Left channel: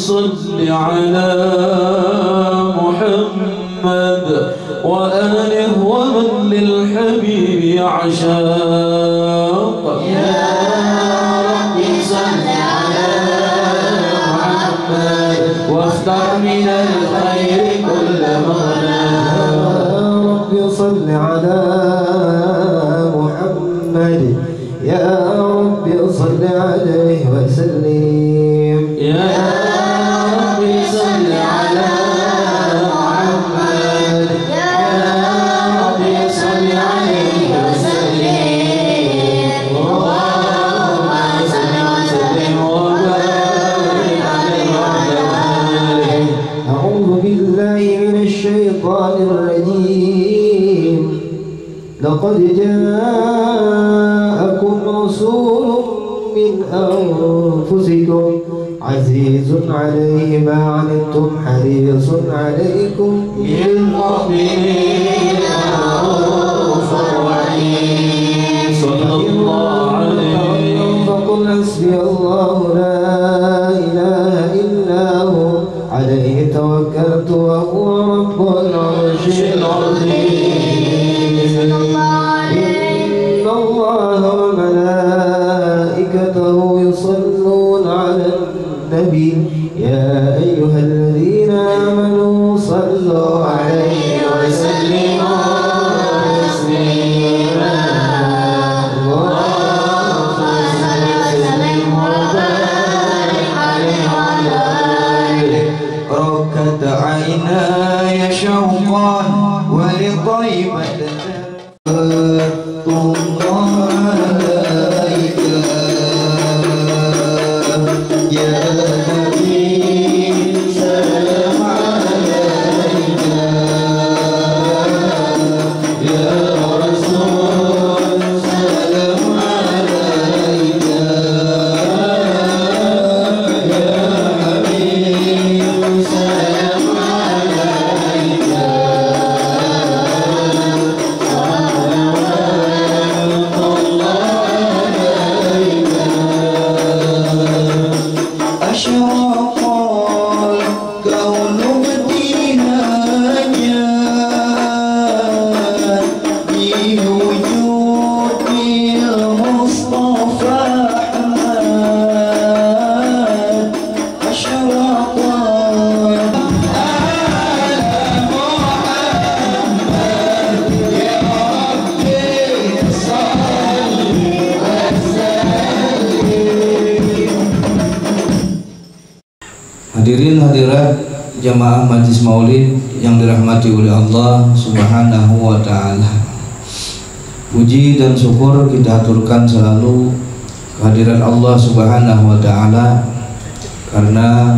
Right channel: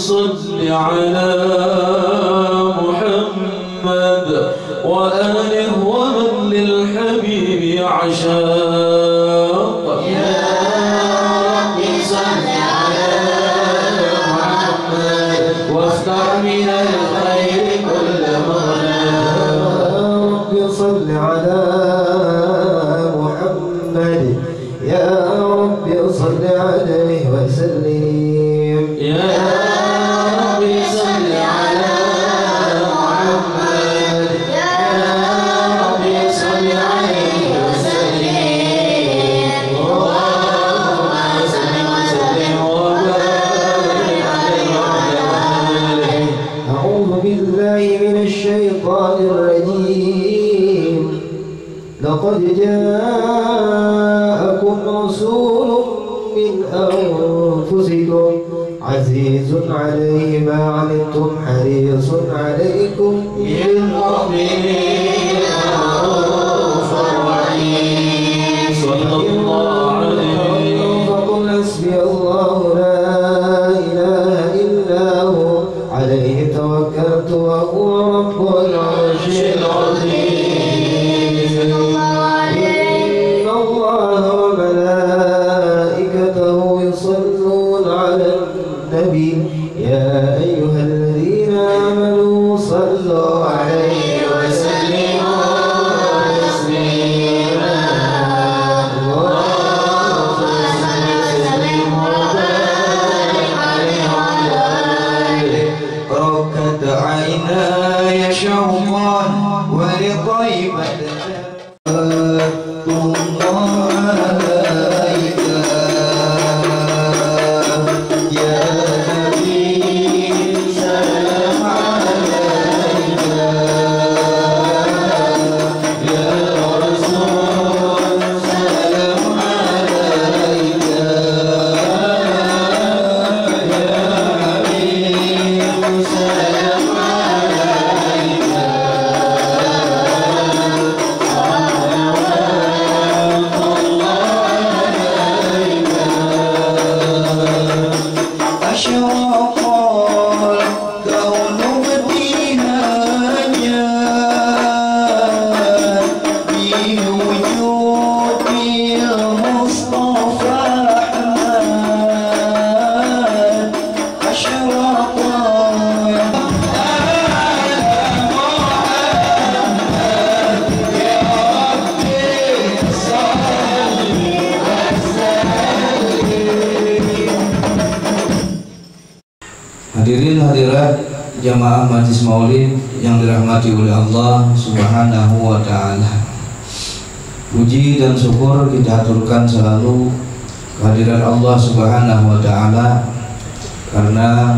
صل على محمد وآله ومن للحبيب عشاق. يا رب صل على محمد واختر من الخير كل مولى. يا رب صل على محمد يا رب صل عليه وسلم. يا رب صل على محمد يا رب صل عليه وسلم. اللهم صل وسلم وبارك عليه وعلى آله. أعوذ بالله من الشيطان الرجيم. لقد جاءكم رسول من أنفسكم عزيز عليه ما عنتم حريص عليكم بالمؤمنين رؤوف رحيم. صلى الله عليه. فقل حسبي الله لا إله إلا هو عليه توكلت وهو رب العرش العظيم. إن الله وملائكته يصلون على النبي يا أيها الذين آمنوا صلوا عليه وسلموا تسليما. اللهم صل وسلم وبارك عليه وعلى آله. ركت عيناي شوقا ولطيبة Hadirin hadirat jamaah Majlis Maulid yang dirahmati oleh Allah Subhanahu wa taala. Puji dan syukur kita aturkan selalu kehadiran Allah Subhanahu wa taala karena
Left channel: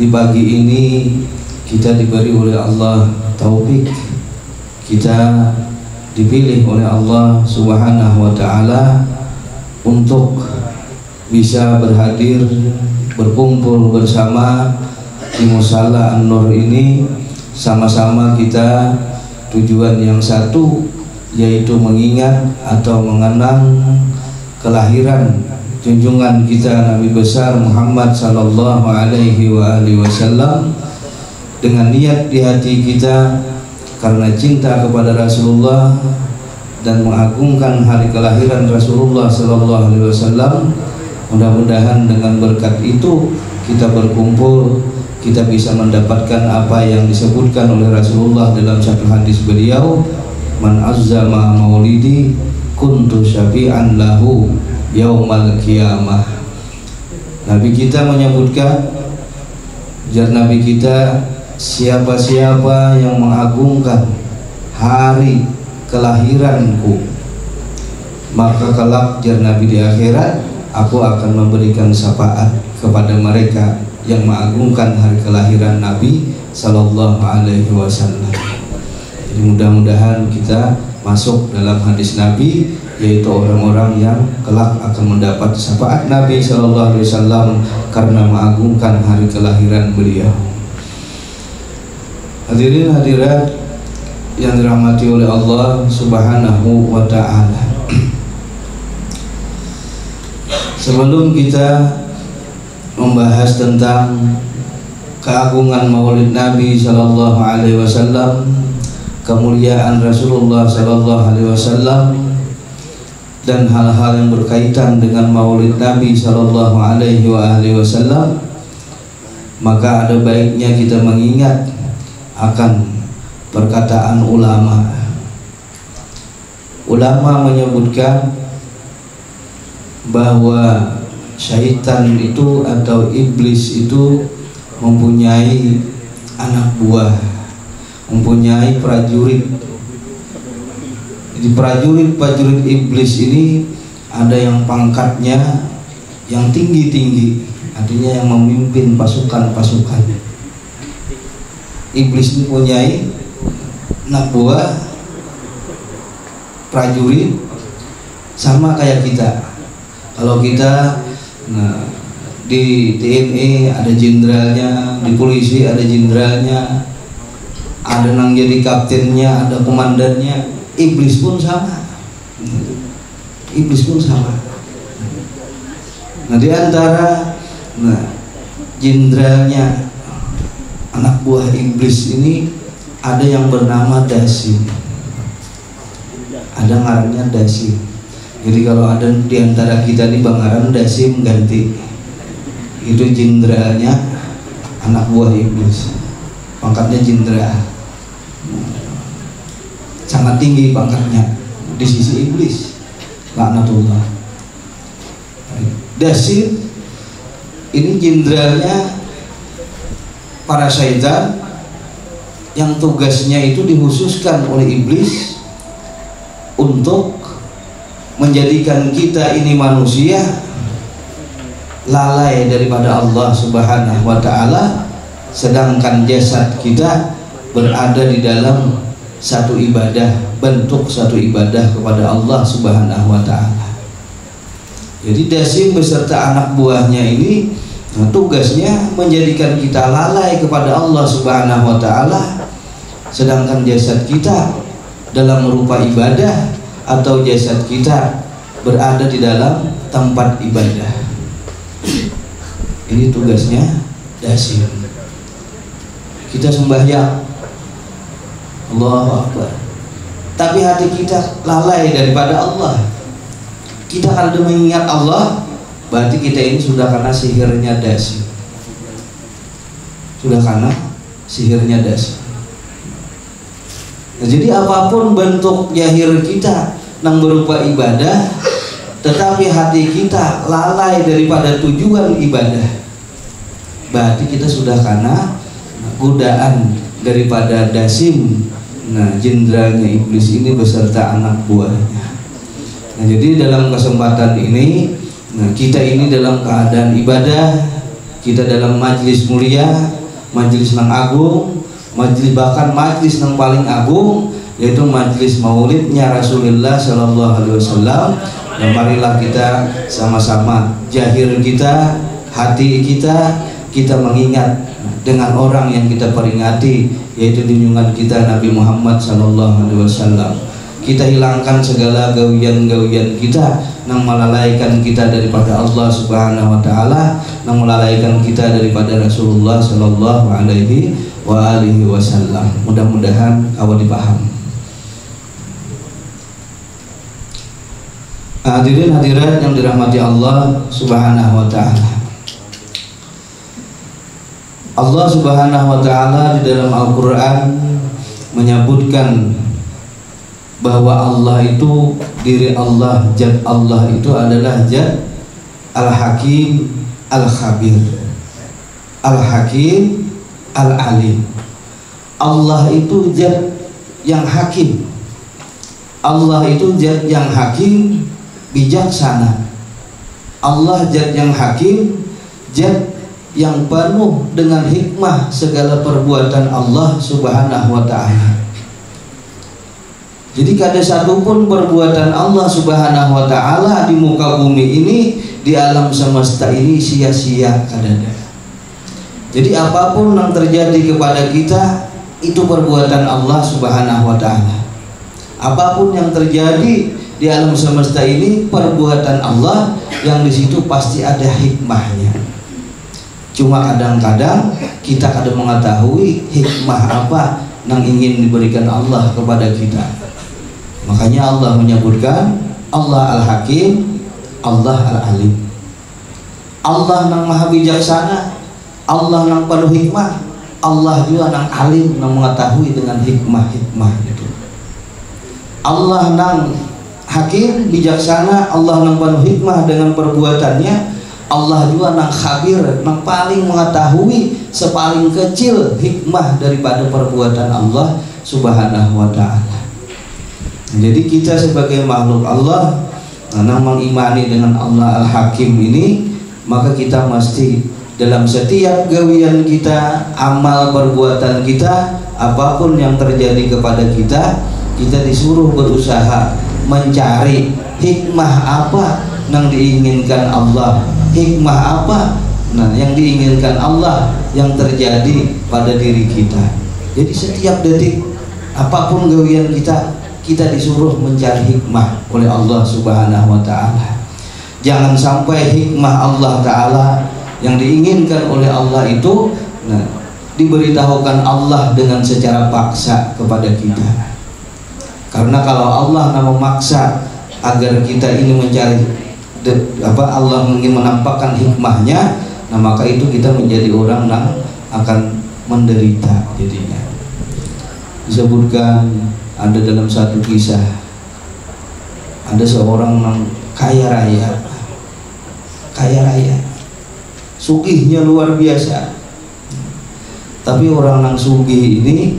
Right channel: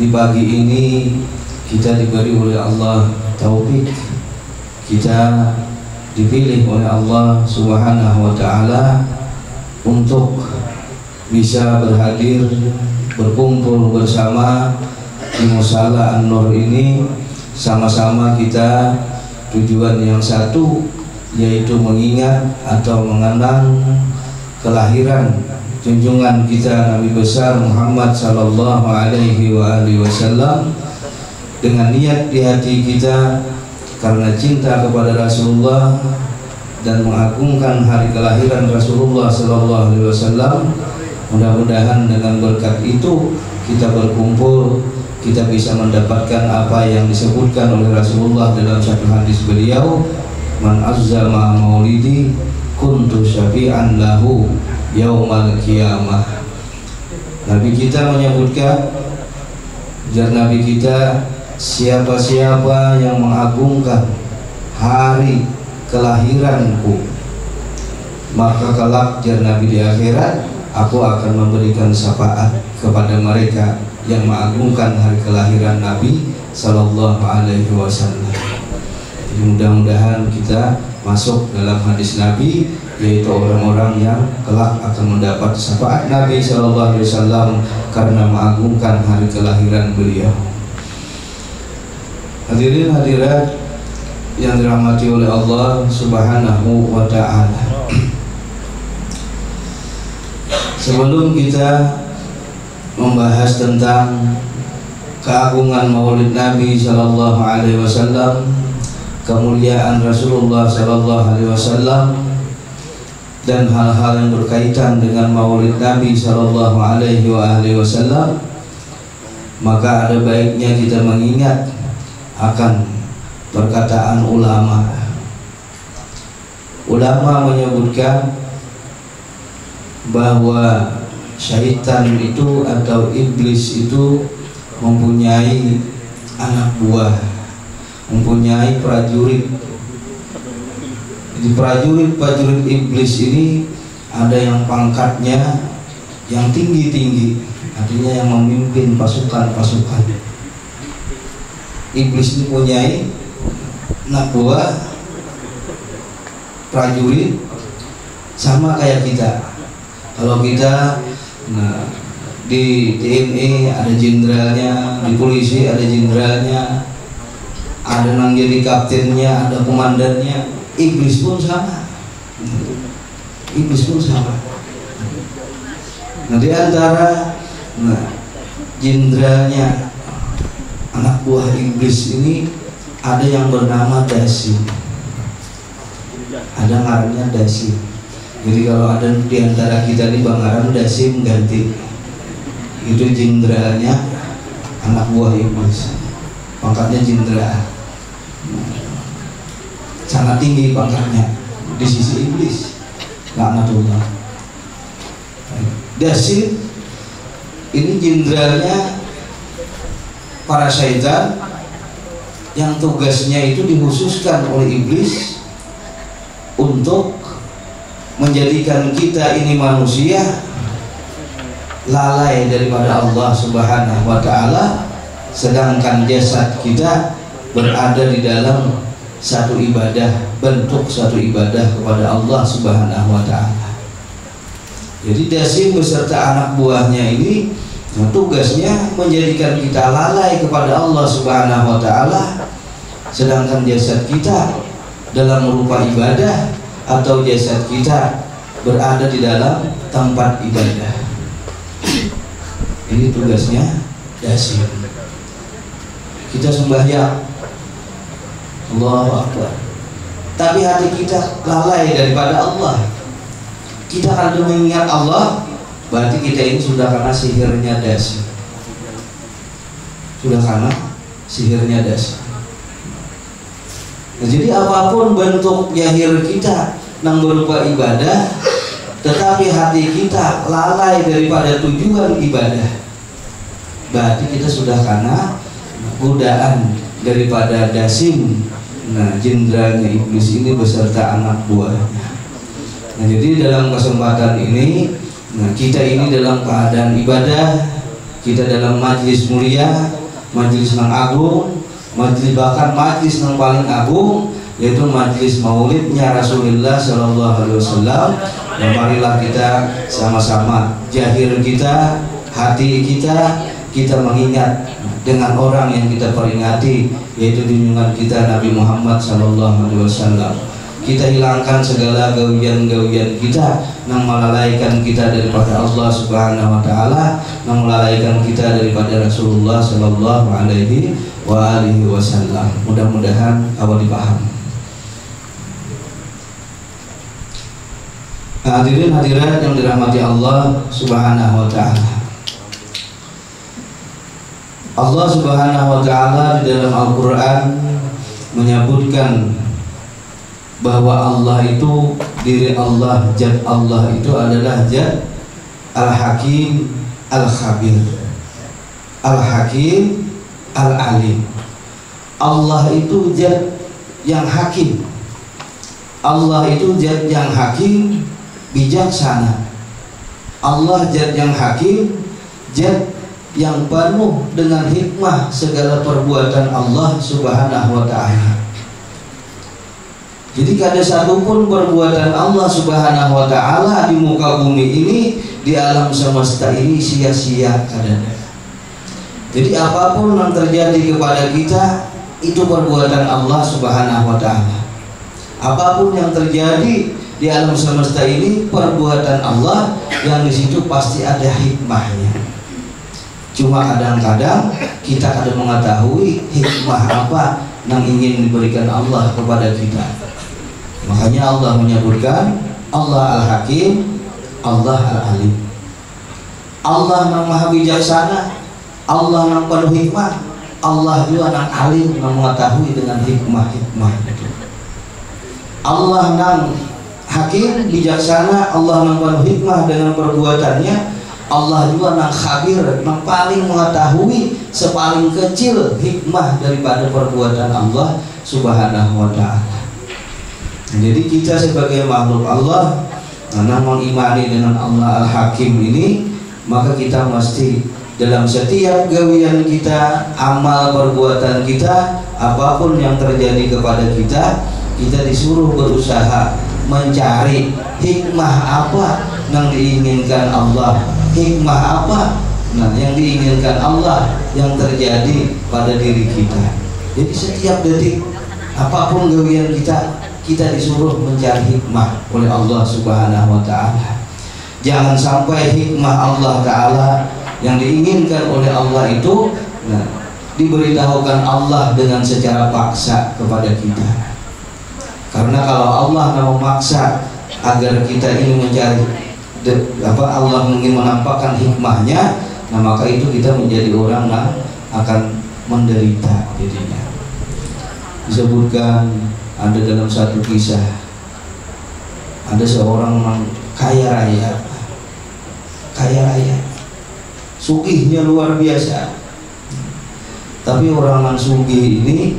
di pagi ini kita diberi oleh Allah taufik, kita dipilih oleh Allah Subhanahu wa taala untuk bisa berkumpul bersama di Musala An-Nur ini. Sama-sama kita tujuan yang satu, yaitu mengingat atau mengenang kelahiran junjungan kita Nabi besar Muhammad sallallahu alaihi wasallam dengan niat di hati kita karena cinta kepada Rasulullah dan mengagungkan hari kelahiran Rasulullah sallallahu alaihi wasallam. Mudah-mudahan dengan berkat itu kita berkumpul, kita bisa mendapatkan apa yang disebutkan oleh Rasulullah dalam satu hadis beliau, man azzama maulidi kuntu syafi'an lahu yaumal qiyamah. Nabi kita menyebutkan, jar Nabi kita, siapa-siapa yang mengagungkan hari kelahiranku, maka kelak jar Nabi di akhirat aku akan memberikan syafaat kepada mereka yang mengagungkan hari kelahiran Nabi sallallahu alaihi wasallam. Jadi mudah-mudahan kita masuk dalam hadis Nabi, yaitu orang-orang yang kelak akan mendapat syafaat Nabi sallallahu alaihi wasallam karena mengagungkan hari kelahiran beliau. Hadirin hadirat yang dirahmati oleh Allah Subhanahu wa taala. Sebelum kita membahas tentang keagungan Maulid Nabi Sallallahu Alaihi Wasallam, kemuliaan Rasulullah Sallallahu Alaihi Wasallam, dan hal-hal yang berkaitan dengan Maulid Nabi Sallallahu Alaihi Wasallam, maka ada baiknya kita mengingat akan perkataan ulama. Ulama menyebutkan bahwa syaitan itu atau iblis itu mempunyai anak buah, mempunyai prajurit. Jadi prajurit iblis ini ada yang pangkatnya yang tinggi-tinggi, artinya yang memimpin pasukan-pasukan. Iblis ini mempunyai anak buah prajurit sama kayak kita. Kalau kita di TNI ada jenderalnya, di polisi ada jenderalnya, ada yang jadi kaptennya, ada komandannya. Iblis pun sama. Iblis pun sama. Nah, di antara jenderalnya anak buah iblis ini ada yang bernama Dasim. Ada ngarannya Dasim. Jadi kalau ada di antara kita nih Bang Dasim ganti, itu jenderalnya anak buah iblis, pangkatnya jenderal, sangat tinggi pangkatnya di sisi iblis, laknatullah. Dasim ini jenderalnya para syaitan yang tugasnya itu dikhususkan oleh iblis untuk menjadikan kita ini manusia lalai daripada Allah Subhanahu wa Ta'ala, sedangkan jasad kita berada di dalam satu ibadah, bentuk satu ibadah kepada Allah Subhanahu wa Ta'ala. Jadi Dasim beserta anak buahnya ini tugasnya menjadikan kita lalai kepada Allah Subhanahu wa Ta'ala, sedangkan jasad kita dalam rupa ibadah atau jasad kita berada di dalam tempat ibadah. Ini tugasnya Dasim. Kita sembahyang, Allahu Akbar, tapi hati kita lalai daripada Allah. Kita kalau mengingat Allah, berarti kita ini sudah kena sihirnya Dasim. Sudah kena sihirnya Dasim. Nah, jadi apapun bentuk zahir kita yang berupa ibadah, tetapi hati kita lalai daripada tujuan ibadah, berarti kita sudah kena godaan daripada Dasim, jenderalnya iblis ini beserta anak buahnya. Nah, jadi dalam kesempatan ini, kita ini dalam keadaan ibadah, kita dalam majlis mulia, majlis yang agung, majlis bahkan majlis yang paling agung, yaitu majlis maulidnya Rasulullah Sallallahu Alaihi Wasallam. Dan marilah kita sama-sama jahir kita, hati kita mengingat dengan orang yang kita peringati, yaitu junjungan kita Nabi Muhammad Sallallahu Alaihi Wasallam. Kita hilangkan segala gawian-gawian kita yang melalaikan kita daripada Allah Subhanahu wa Ta'ala, yang melalaikan kita daripada Rasulullah Sallallahu Alaihi Wasallam. Mudah-mudahan awal dipaham. Hadirin hadirat yang dirahmati Allah Subhanahu wa Ta'ala. Allah Subhanahu wa Ta'ala di dalam Al-Quran menyebutkan bahwa Allah itu, diri Allah, zat Allah itu adalah zat Al-Hakim Al-Khabir, Al-Hakim Al-Alim. Allah itu zat yang hakim. Allah itu zat yang hakim, bijaksana. Allah zat yang hakim, zat yang penuh dengan hikmah segala perbuatan Allah Subhanahu wa Ta'ala. Jadi kada satupun perbuatan Allah Subhanahu wa Ta'ala di muka bumi ini, di alam semesta ini sia-sia kadada. Jadi apapun yang terjadi kepada kita itu perbuatan Allah Subhanahu wa Ta'ala. Apapun yang terjadi di alam semesta ini perbuatan Allah yang di situ pasti ada hikmahnya. Cuma kadang-kadang kita kadang mengetahui hikmah apa yang ingin diberikan Allah kepada kita. Makanya Allah menyebutkan Allah Al-Hakim, Allah Al-Alim. Allah yang maha bijaksana, Allah yang penuh hikmah, Allah juga yang alim, yang mengetahui dengan hikmah-hikmah itu. Allah yang hakim, bijaksana, Allah yang penuh hikmah dengan perbuatannya. Allah juga yang khabir, yang paling mengetahui sepaling kecil hikmah daripada perbuatan Allah Subhanahu wa ta'ala. Jadi kita sebagai makhluk Allah karena mengimani dengan Allah Al-Hakim ini, maka kita mesti dalam setiap gawian kita, amal perbuatan kita, apapun yang terjadi kepada kita, kita disuruh berusaha mencari hikmah apa yang diinginkan Allah, hikmah apa nah yang diinginkan Allah yang terjadi pada diri kita. Jadi setiap detik apapun gawian kita disuruh mencari hikmah oleh Allah Subhanahu wa ta'ala. Jangan sampai hikmah Allah ta'ala yang diinginkan oleh Allah itu diberitahukan Allah dengan secara paksa kepada kita. Karena kalau Allah memaksa agar kita ini mencari Allah ingin menampakkan hikmahnya, nah maka itu kita menjadi orang yang akan menderita jadinya. Disebutkan ada dalam satu kisah, ada seorang yang kaya raya, sugihnya luar biasa. Tapi orang yang sugih ini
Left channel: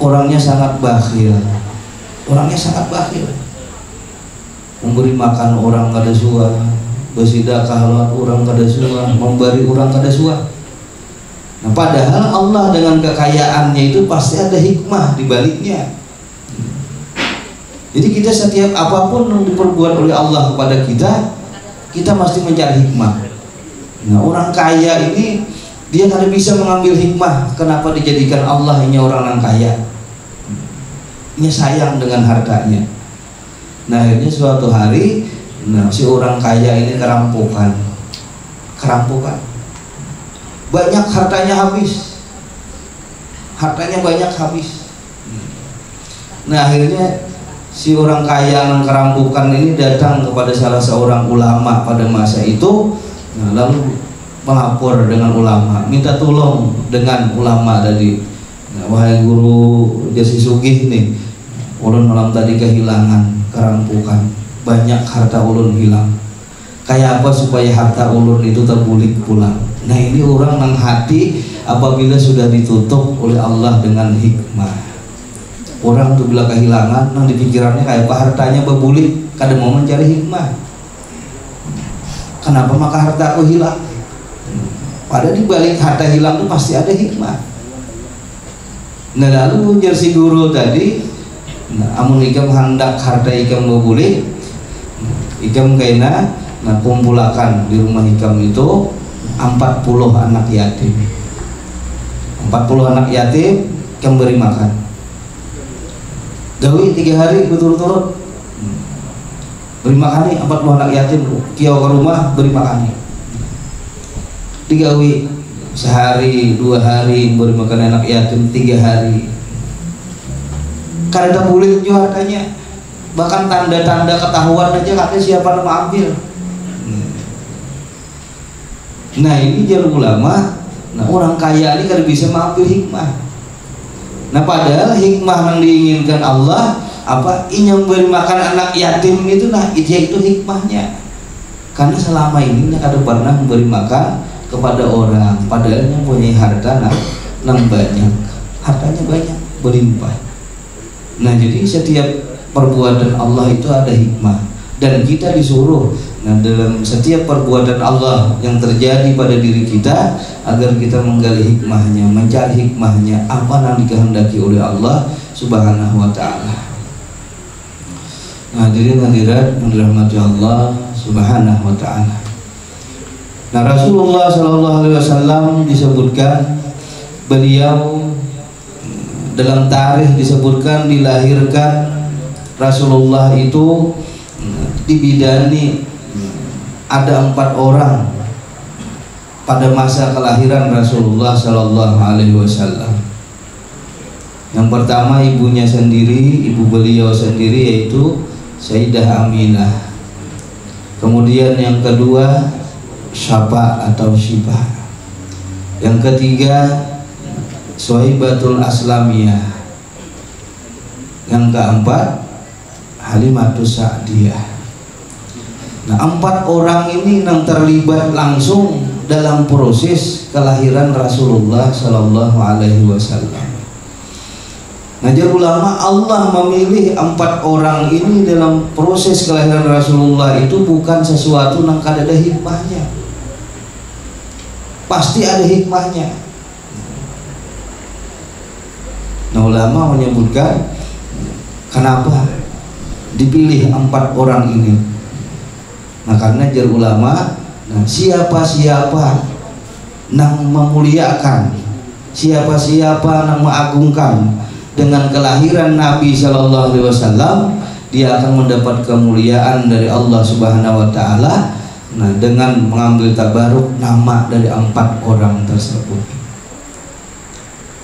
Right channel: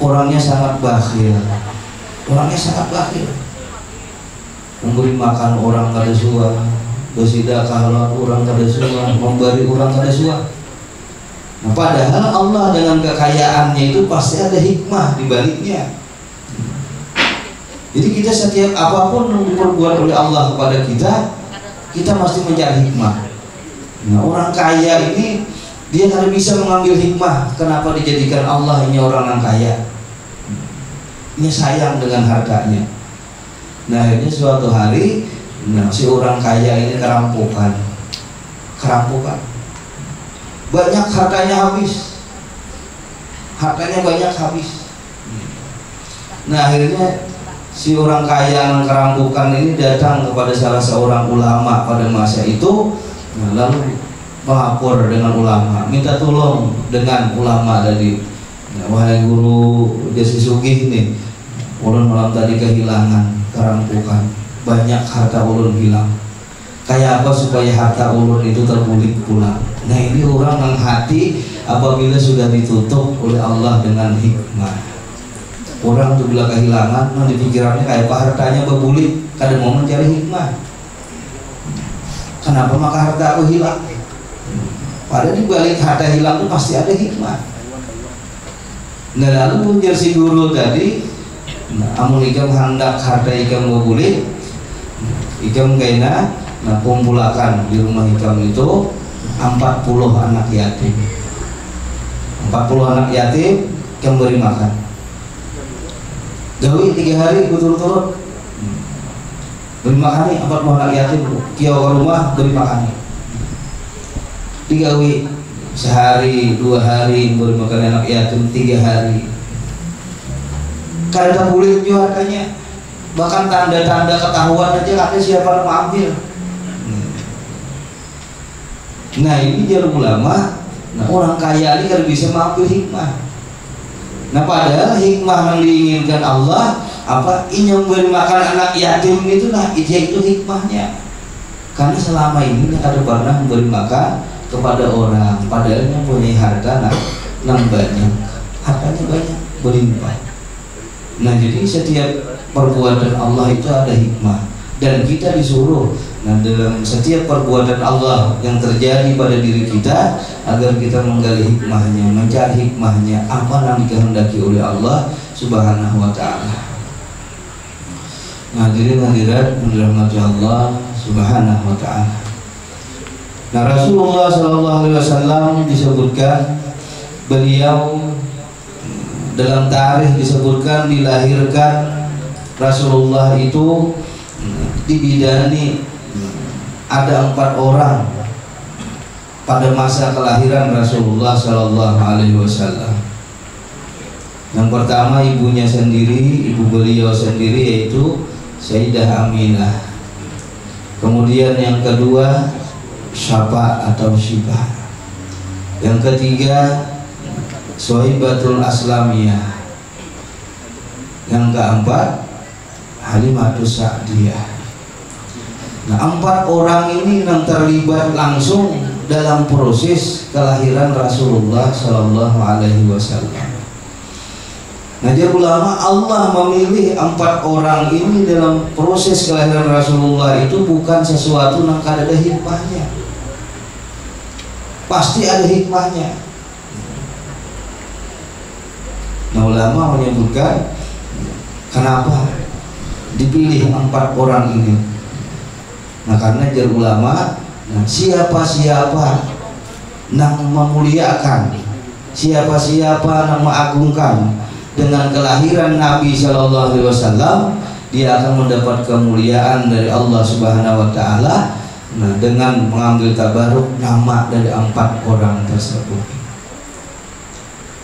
orangnya sangat bakhil, memberi makan orang kada suah, bersedekah orang kada suah, memberi orang kada suah. Nah, padahal Allah dengan kekayaannya itu pasti ada hikmah di baliknya. Jadi kita setiap apapun yang diperbuat oleh Allah kepada kita mesti mencari hikmah. Nah, orang kaya ini dia kada bisa mengambil hikmah. Kenapa dijadikan Allah ini orang yang kaya? Ini sayang dengan hartanya. Nah, akhirnya suatu hari si orang kaya ini kerampokan. Banyak hartanya habis. Nah, akhirnya si orang kaya yang kerampokan ini datang kepada salah seorang ulama pada masa itu. Nah, lalu melapor dengan ulama, minta tolong dengan ulama tadi. Nah, wahai guru Jasi Sugih nih, ulun malam tadi kehilangan, kerampokan, banyak harta ulun hilang. Kayak apa supaya harta ulun itu terbulik pulang? Nah, ini orang yang hati apabila sudah ditutup oleh Allah dengan hikmah. Orang tuh bila kehilangan, nah di pikirannya kayak apa hartanya berbulik, kadang mau mencari hikmah. Kenapa maka harta aku hilang? Padahal di balik harta hilang itu pasti ada hikmah. Nah, lalu punjer si guru tadi, amun ikam hendak harta ikam berbulik, ikam kaina kumpulakan di rumah ikam itu 40 anak yatim. 40 anak yatim ikam beri makan. Gawi 3 hari berturut-turut beri makan nih 40 anak yatim, kiau ke rumah beri makan nih. Digawi sehari 2 hari beri makan anak yatim, 3 hari. Kada boleh juga hartanya, bahkan tanda-tanda ketahuan aja katanya siapa yang mau ambil. Nah, ini jalur ulama. Nah, orang kaya ini kan bisa mengambil hikmah. Nah, padahal hikmah yang diinginkan Allah apa? Ini yang beri makan anak yatim itu, nah itu hikmahnya. Karena selama ini ada pernah memberi makan kepada orang, padahal yang punya harta nang banyak, hartanya banyak, berlimpah. Nah, jadi setiap perbuatan Allah itu ada hikmah, dan kita disuruh dalam setiap perbuatan Allah yang terjadi pada diri kita agar kita menggali hikmahnya, mencari hikmahnya apa yang dikehendaki oleh Allah Subhanahu wa ta'ala. Hadirin-hadirat dirahmati Allah Subhanahu wa ta'ala. Nah, Rasulullah SAW disebutkan beliau dalam tarikh disebutkan dilahirkan Rasulullah itu dibidani ada 4 orang pada masa kelahiran Rasulullah Shallallahu Alaihi Wasallam. Yang pertama ibunya sendiri, ibu beliau sendiri, yaitu Sayyidah Aminah. Kemudian yang kedua Syaba atau Syibah. Yang ketiga Suhaibatul Aslamiyah. Yang keempat Halimatus Sa'diyah. Nah, 4 orang ini yang terlibat langsung dalam proses kelahiran Rasulullah Sallallahu Alaihi Wasallam. Nah, jadi ulama Allah memilih 4 orang ini dalam proses kelahiran Rasulullah itu bukan sesuatu yang kada ada hikmahnya. Pasti ada hikmahnya. Nah, ulama menyebutkan kenapa dipilih 4 orang ini. Nah, karena jar ulama, nah, siapa-siapa yang memuliakan, siapa-siapa yang mengagungkan dengan kelahiran Nabi Shallallahu Alaihi Wasallam, dia akan mendapat kemuliaan dari Allah Subhanahu Wa Taala. Nah, dengan mengambil tabaruk nama dari 4 orang tersebut.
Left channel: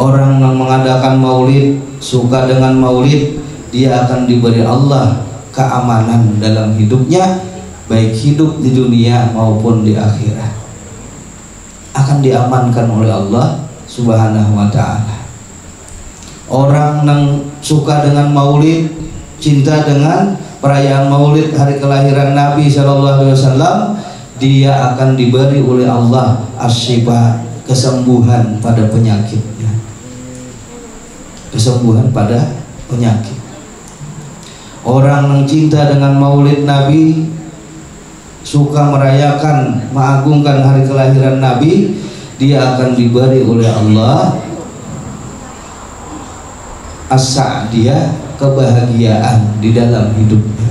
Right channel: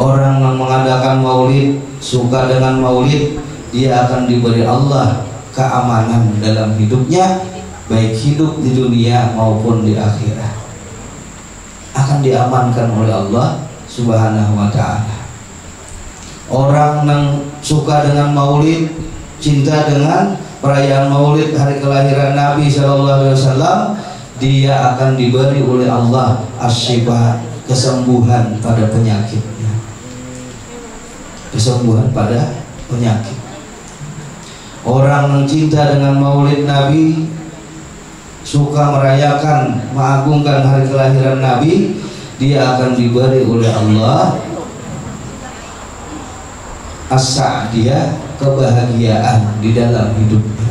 Orang yang mengadakan maulid, suka dengan maulid, dia akan diberi Allah keamanan dalam hidupnya, baik hidup di dunia maupun di akhirat, akan diamankan oleh Allah Subhanahu Wa Taala. Orang yang suka dengan maulid, cinta dengan perayaan maulid hari kelahiran Nabi Shallallahu Alaihi Wasallam, dia akan diberi oleh Allah as-syifa, kesembuhan pada penyakitnya, kesembuhan pada penyakit. Orang yang cinta dengan maulid Nabi, suka merayakan, mengagungkan hari kelahiran Nabi, dia akan diberi oleh Allah as-sa'diyah, kebahagiaan di dalam hidupnya.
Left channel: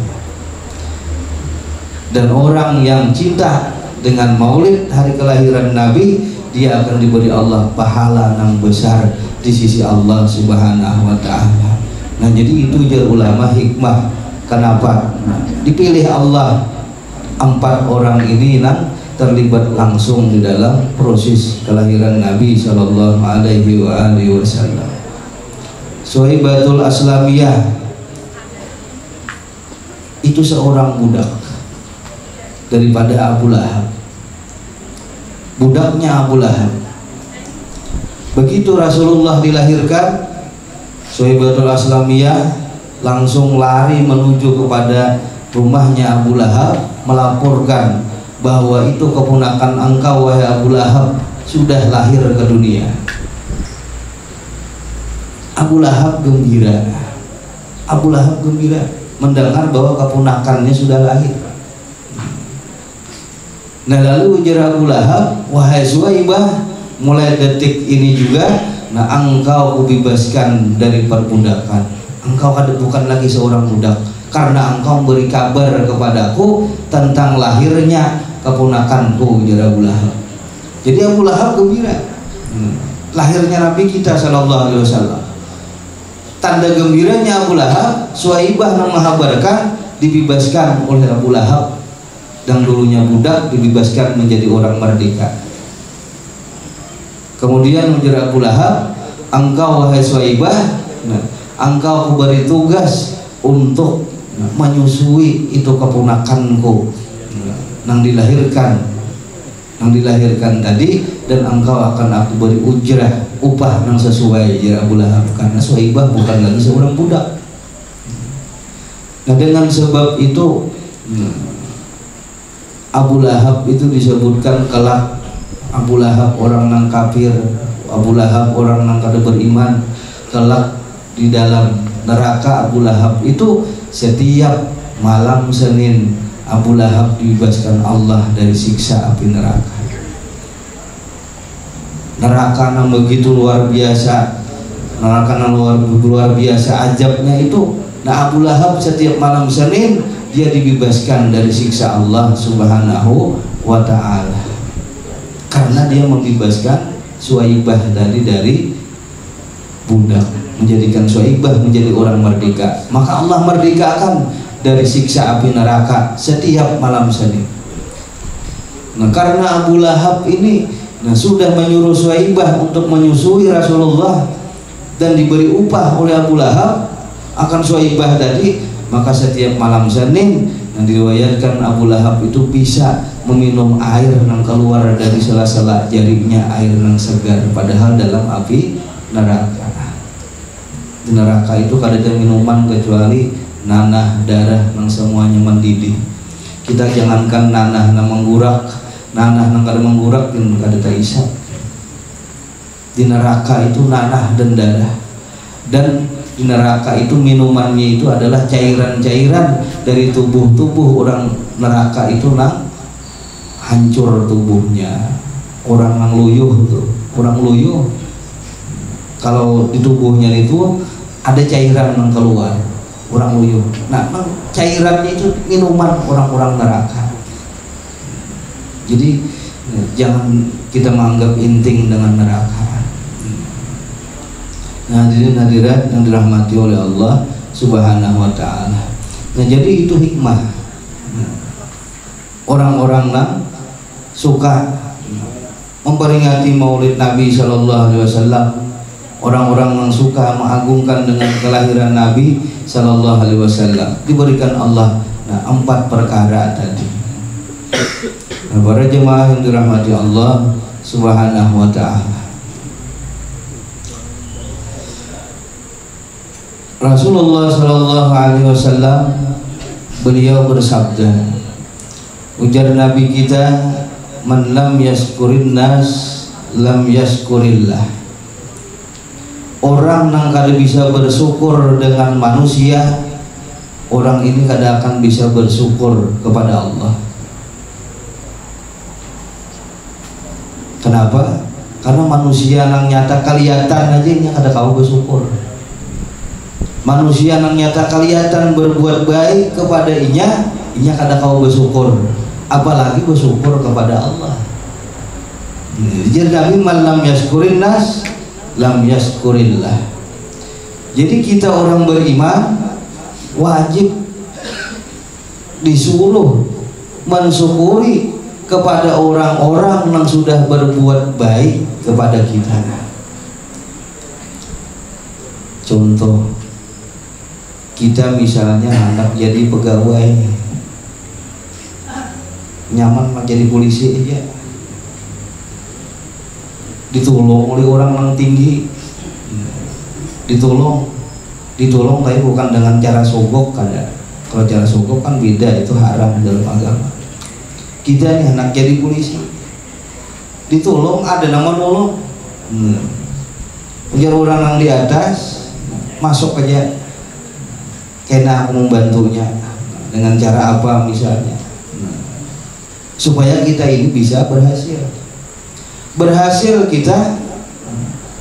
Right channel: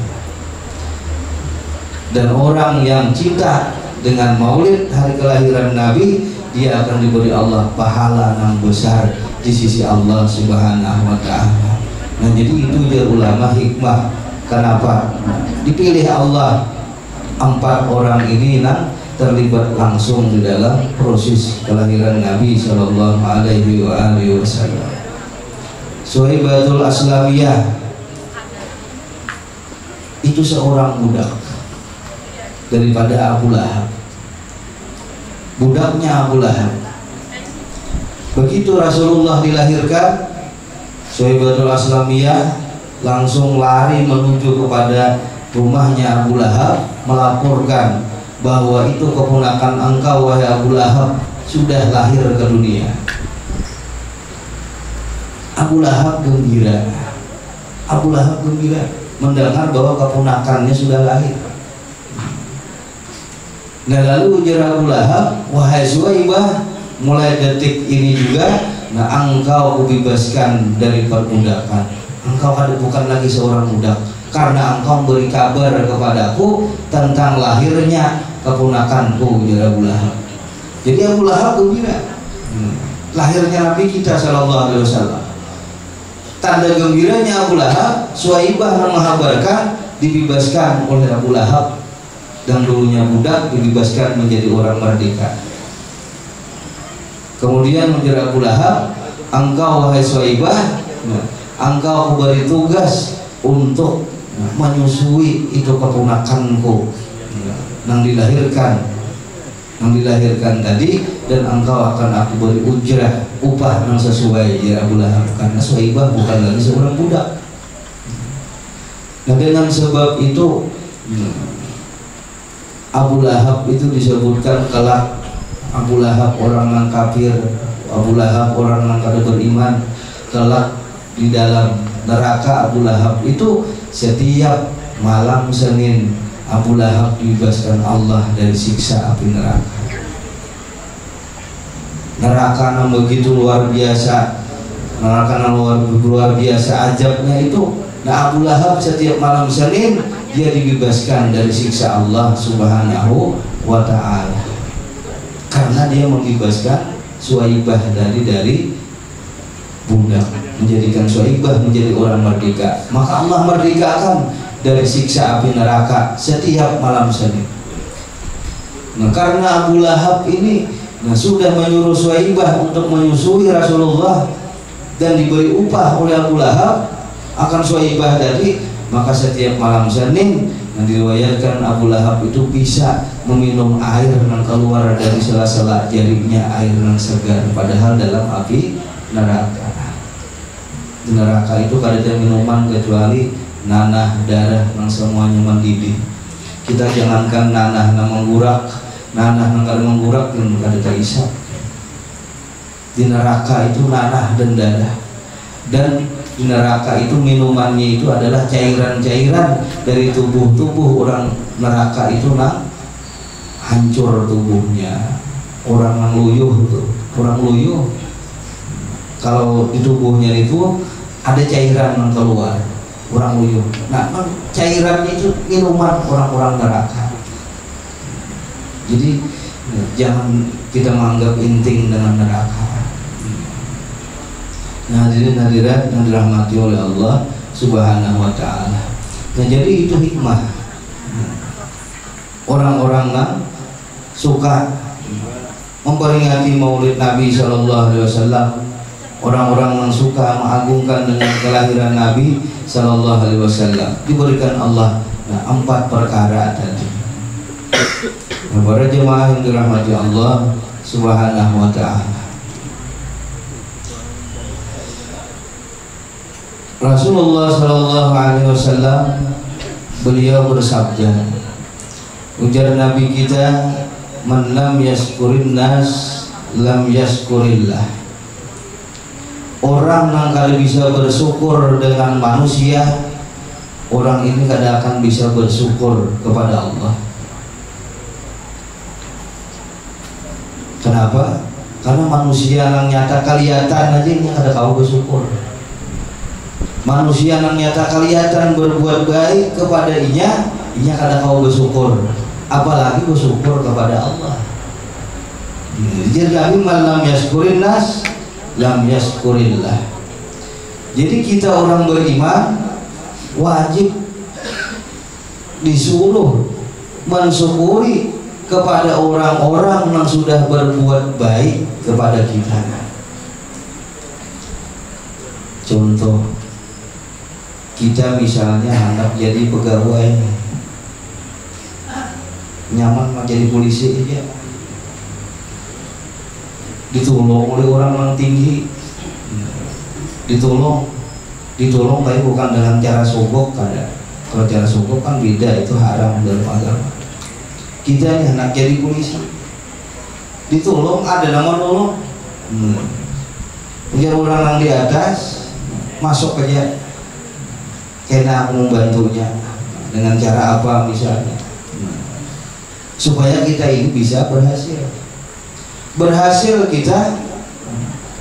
Dan orang yang cinta dengan maulid hari kelahiran Nabi, dia akan diberi Allah pahala yang besar di sisi Allah Subhanahu Wa Taala. Nah, jadi itu jar ulama hikmah kenapa dipilih Allah 4 orang ini yang terlibat langsung di dalam proses kelahiran Nabi Shallallahu Alaihi Wasallam. Suhaibatul Aslamiyah itu seorang budak daripada Abu Lahab, budaknya Abu Lahab. Begitu Rasulullah dilahirkan, Suhaibatul Aslamiyah langsung lari menuju kepada rumahnya Abu Lahab, melaporkan bahwa itu keponakan engkau wahai Abu Lahab sudah lahir ke dunia. Abu Lahab gembira. Abu Lahab gembira mendengar bahwa keponakannya sudah lahir. Nah, lalu ujar Abu Lahab, wahai Suhaibah, mulai detik ini juga, nah engkau kubebaskan dari perbudakan. Engkau bukan lagi seorang budak, karena engkau beri kabar kepadaku tentang lahirnya keponakanku, ujar Abu Lahab. Jadi Abu Lahab gembira lahirnya Nabi kita Sallallahu Alaihi Wasallam. Tanda gembiranya Abu Lahab, Suhaibah yang menghabarkan dibebaskan oleh Abu Lahab, dan dulunya budak dibebaskan menjadi orang merdeka. Kemudian ujar Abu Lahab, engkau wahai Suhaibah, engkau beri tugas untuk menyusui itu keponakanku yang dilahirkan tadi, dan engkau akan aku beri ujrah, upah yang sesuai, ya Abu Lahab, karena Suhaibah bukan lagi seorang budak. Nah, dengan sebab itu Abu Lahab itu disebutkan kelak Abu Lahab orang yang kafir, Abu Lahab orang yang kada beriman, kelak di dalam neraka Abu Lahab itu setiap malam Senin Abu Lahab dibebaskan Allah dari siksa api neraka. Neraka yang begitu luar biasa, neraka yang luar biasa ajabnya itu. Nah, Abu Lahab setiap malam Senin dia dibebaskan dari siksa Allah Subhanahu Wa Ta'ala, karena dia membebaskan Suhaibah dari budak, menjadikan Suhaibah menjadi orang merdeka. Maka Allah merdekakan dari siksa api neraka setiap malam Senin. Nah, karena Abu Lahab ini sudah menyuruh Suwaibah untuk menyusui Rasulullah dan diberi upah oleh Abu Lahab akan Suwaibah tadi, maka setiap malam Senin yang diriwayatkan Abu Lahab itu bisa meminum air yang keluar dari sela-sela jarinya, air yang segar, padahal dalam api neraka. Di neraka itu kada ada minuman kecuali nanah, darah yang semuanya mendidih. Kita jangankan nanah yang menggurak, nanah yang kada menggurak dan kada terhisap. Di neraka itu nanah dan darah, dan di neraka itu minumannya itu adalah cairan-cairan dari tubuh orang neraka itu hancur tubuhnya. Orang yang luyuh tuh, orang luyuh kalau di tubuhnya itu ada cairan yang keluar, orang luyuh. Nah, cairannya itu minuman orang-orang neraka. Jadi jangan kita menganggap inting dengan neraka. Nah, hadirin hadirat yang dirahmati oleh Allah Subhanahu wa ta'ala. Nah, jadi itu hikmah. Orang-orang yang suka memperingati Maulid Nabi Sallallahu Alaihi Wasallam, orang-orang yang suka mengagungkan dengan kelahiran Nabi Sallallahu Alaihi Wasallam, diberikan Allah 4 perkara tadi. Nah, para jemaah yang dirahmati Allah Subhanahu wa ta'ala, Rasulullah Sallallahu Alaihi Wasallam beliau bersabda, ujar Nabi kita, man lam yaskurin nas lam yaskurillah. Orang yang kada bisa bersyukur dengan manusia, orang ini kada akan bisa bersyukur kepada Allah. Kenapa? Karena manusia yang nyata kelihatan aja ini kada kau bersyukur. Manusia yang nyata kelihatan berbuat baik kepada inya kada kau bersyukur, apalagi bersyukur kepada Allah. Jadi man lam yaskurin nas lam yaskurillah. Jadi kita orang beriman wajib disuruh mensyukuri kepada orang-orang yang sudah berbuat baik kepada kita. Contoh, kita misalnya anak jadi pegawai, nyaman jadi polisi aja, ditolong oleh orang yang tinggi, ditolong tapi bukan dengan cara sogok. Kalau cara sogok kan beda, itu haram dalam agama. Kita nih anak jadi polisi, ditolong, ada nama nolong, punya orang yang di atas masuk aja, kena aku membantunya dengan cara apa misalnya, supaya kita ini bisa berhasil kita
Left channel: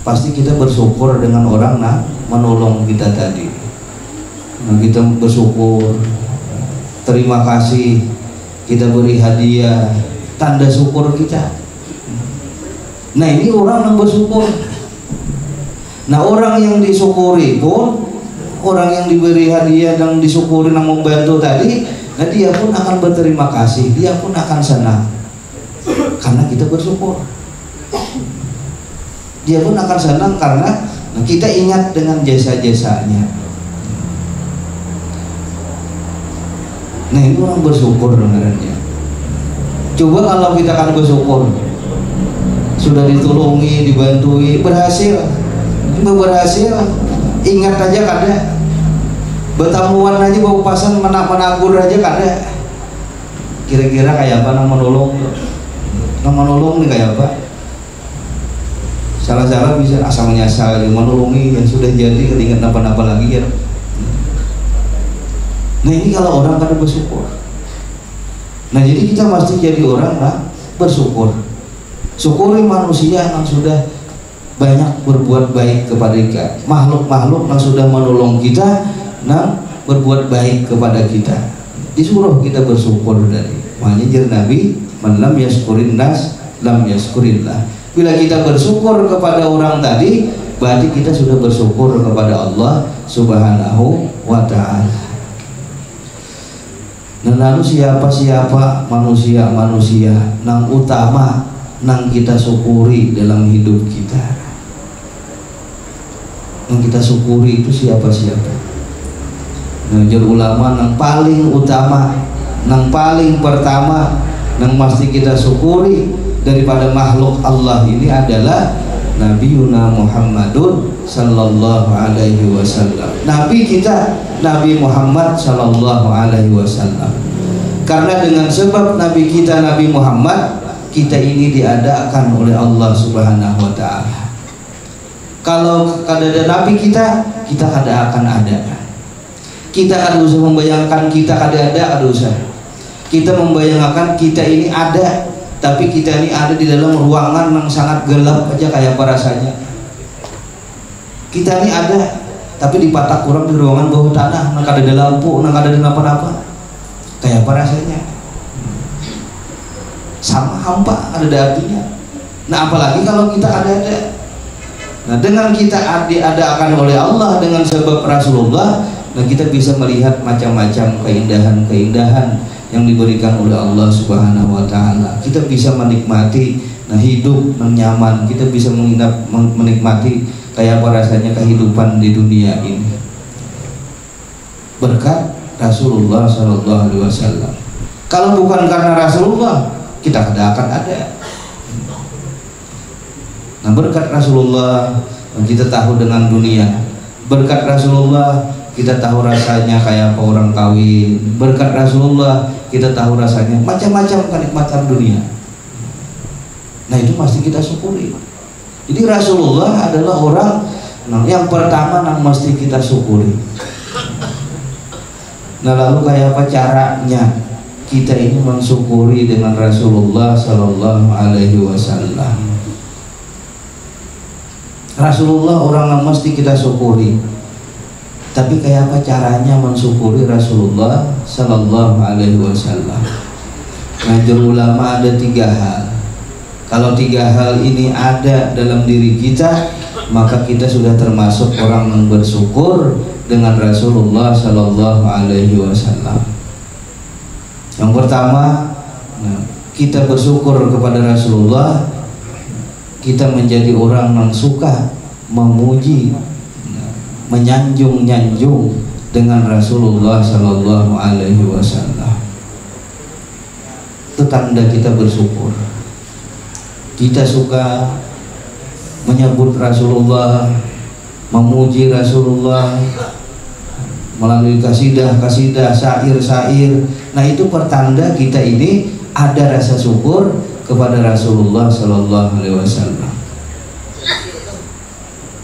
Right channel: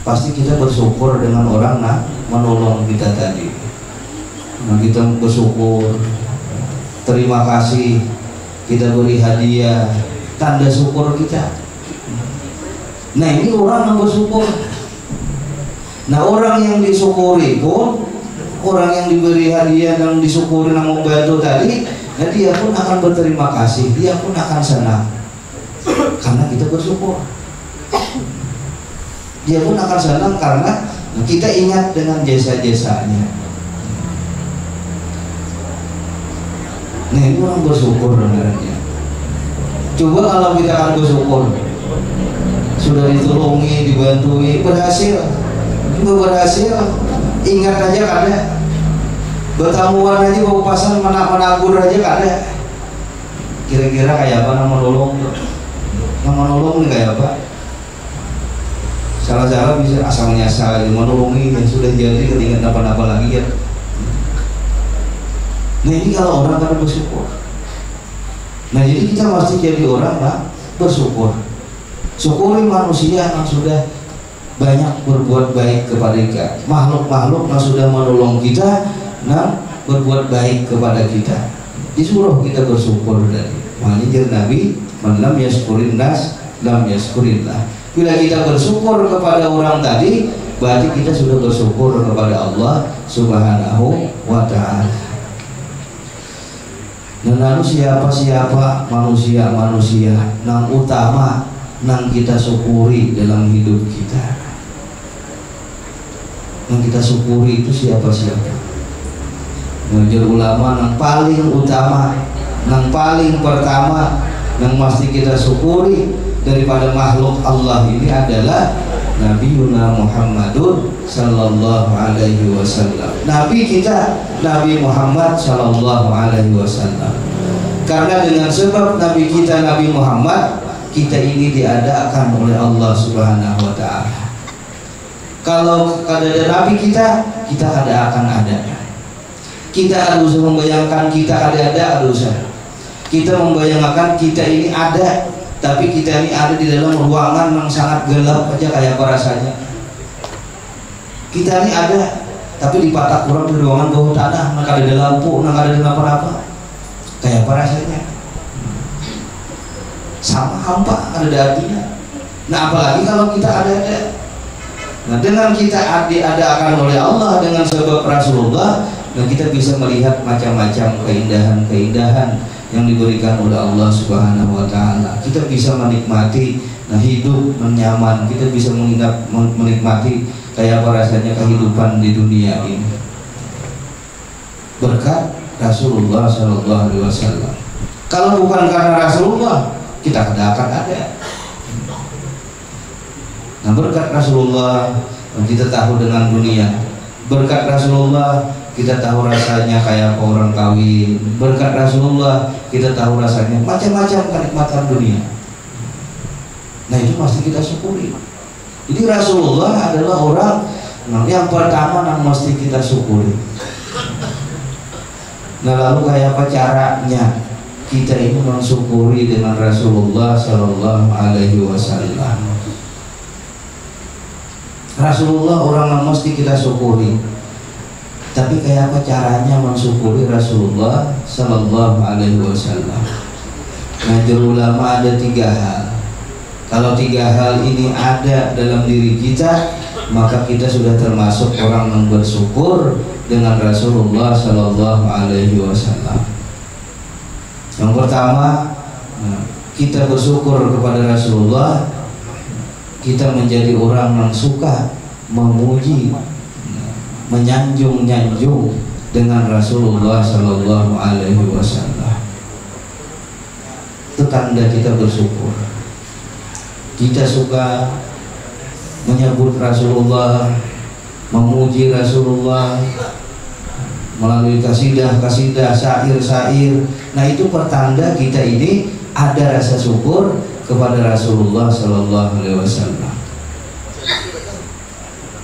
pasti kita bersyukur dengan orang menolong kita tadi. Kita bersyukur, terima kasih, kita beri hadiah, tanda syukur kita. Nah, ini orang yang bersyukur. Nah, orang yang disyukuri pun, orang yang diberi hadiah dan disyukuri yang membantu tadi, nah dia pun akan berterima kasih, dia pun akan senang karena kita bersyukur. Dia pun akan senang karena kita ingat dengan jasa-jasanya. Nah, itu orang bersyukur sebenarnya. Coba kalau kita akan bersyukur, sudah ditolongi, dibantui, berhasil, ingat aja kada, bertamuan aja bawa pasan menabur aja kada. Kira-kira kayak apa nama menolong? Nama menolong nih kayak apa? Salah-salah bisa asal nyasal menolongi yang sudah jadi ketinggalan apa-apa lagi ya. Nah, ini kalau orang kan bersyukur. Nah, jadi kita mesti jadi orang bersyukur. Syukuri manusia yang sudah banyak berbuat baik kepada kita, makhluk-makhluk yang sudah menolong kita, berbuat baik kepada kita. Disuruh kita bersyukur dari. Makanya Nabi, man lam yaskurin nas lam yaskurillah. Bila kita bersyukur kepada orang tadi, berarti kita sudah bersyukur kepada Allah Subhanahu wa ta'ala. Dan lalu siapa manusia nang utama nang kita syukuri dalam hidup kita. Yang kita syukuri itu siapa? Mengajar ulama nang paling utama, nang paling pertama, nang mesti kita syukuri daripada makhluk Allah ini adalah Nabiuna Muhammadun sallallahu alaihi wasallam. Nabi kita Nabi Muhammad sallallahu alaihi wasallam. Karena dengan sebab Nabi kita Nabi Muhammad, kita ini diadakan oleh Allah Subhanahu wa taala. Kalau ada Nabi kita ada akan ada. Kita harus membayangkan kita ada usah. Kita membayangkan kita ini ada, tapi kita ini ada di dalam ruangan yang sangat gelap aja kayak apa rasanya. Kita ini ada, tapi di patak kurang di ruangan bawah tanah, nggak ada lampu, nggak ada apa-apa. Kayak apa rasanya? Sama hampa, ada artinya. Nah apalagi kalau kita ada. Nah dengan kita diadakan oleh Allah dengan sebab Rasulullah, dan kita bisa melihat macam-macam keindahan-keindahan yang diberikan oleh Allah Subhanahu wa taala. Kita bisa menikmati hidup nyaman, kita bisa menikmati kayak apa rasanya kehidupan di dunia ini. Berkat Rasulullah sallallahu alaihi wasallam. Kalau bukan karena Rasulullah, kita tidak akan ada. Nah, berkat Rasulullah kita tahu dengan dunia. Berkat Rasulullah kita tahu rasanya kayak apa orang kawin. Berkat Rasulullah kita tahu rasanya macam-macam kenikmatan dunia. Nah itu pasti kita syukuri. Jadi Rasulullah adalah orang yang pertama yang mesti kita syukuri. Nah lalu kayak apa caranya kita ini mensyukuri dengan Rasulullah Sallallahu Alaihi Wasallam? Rasulullah orang yang mesti kita syukuri. Tapi kayak apa caranya mensyukuri Rasulullah Sallallahu Alaihi Wasallam? Ngajar ulama ada 3 hal. Kalau 3 hal ini ada dalam diri kita, maka kita sudah termasuk orang yang bersyukur dengan Rasulullah Sallallahu Alaihi Wasallam. Yang pertama, kita bersyukur kepada Rasulullah. Kita menjadi orang yang suka memuji, menyanjung-nyanjung dengan Rasulullah Sallallahu Alaihi Wasallam. Itu tanda kita bersyukur. Kita suka menyebut Rasulullah, memuji Rasulullah melalui kasidah-kasidah, syair-syair. Nah itu pertanda kita ini ada rasa syukur kepada Rasulullah Sallallahu Alaihi Wasallam.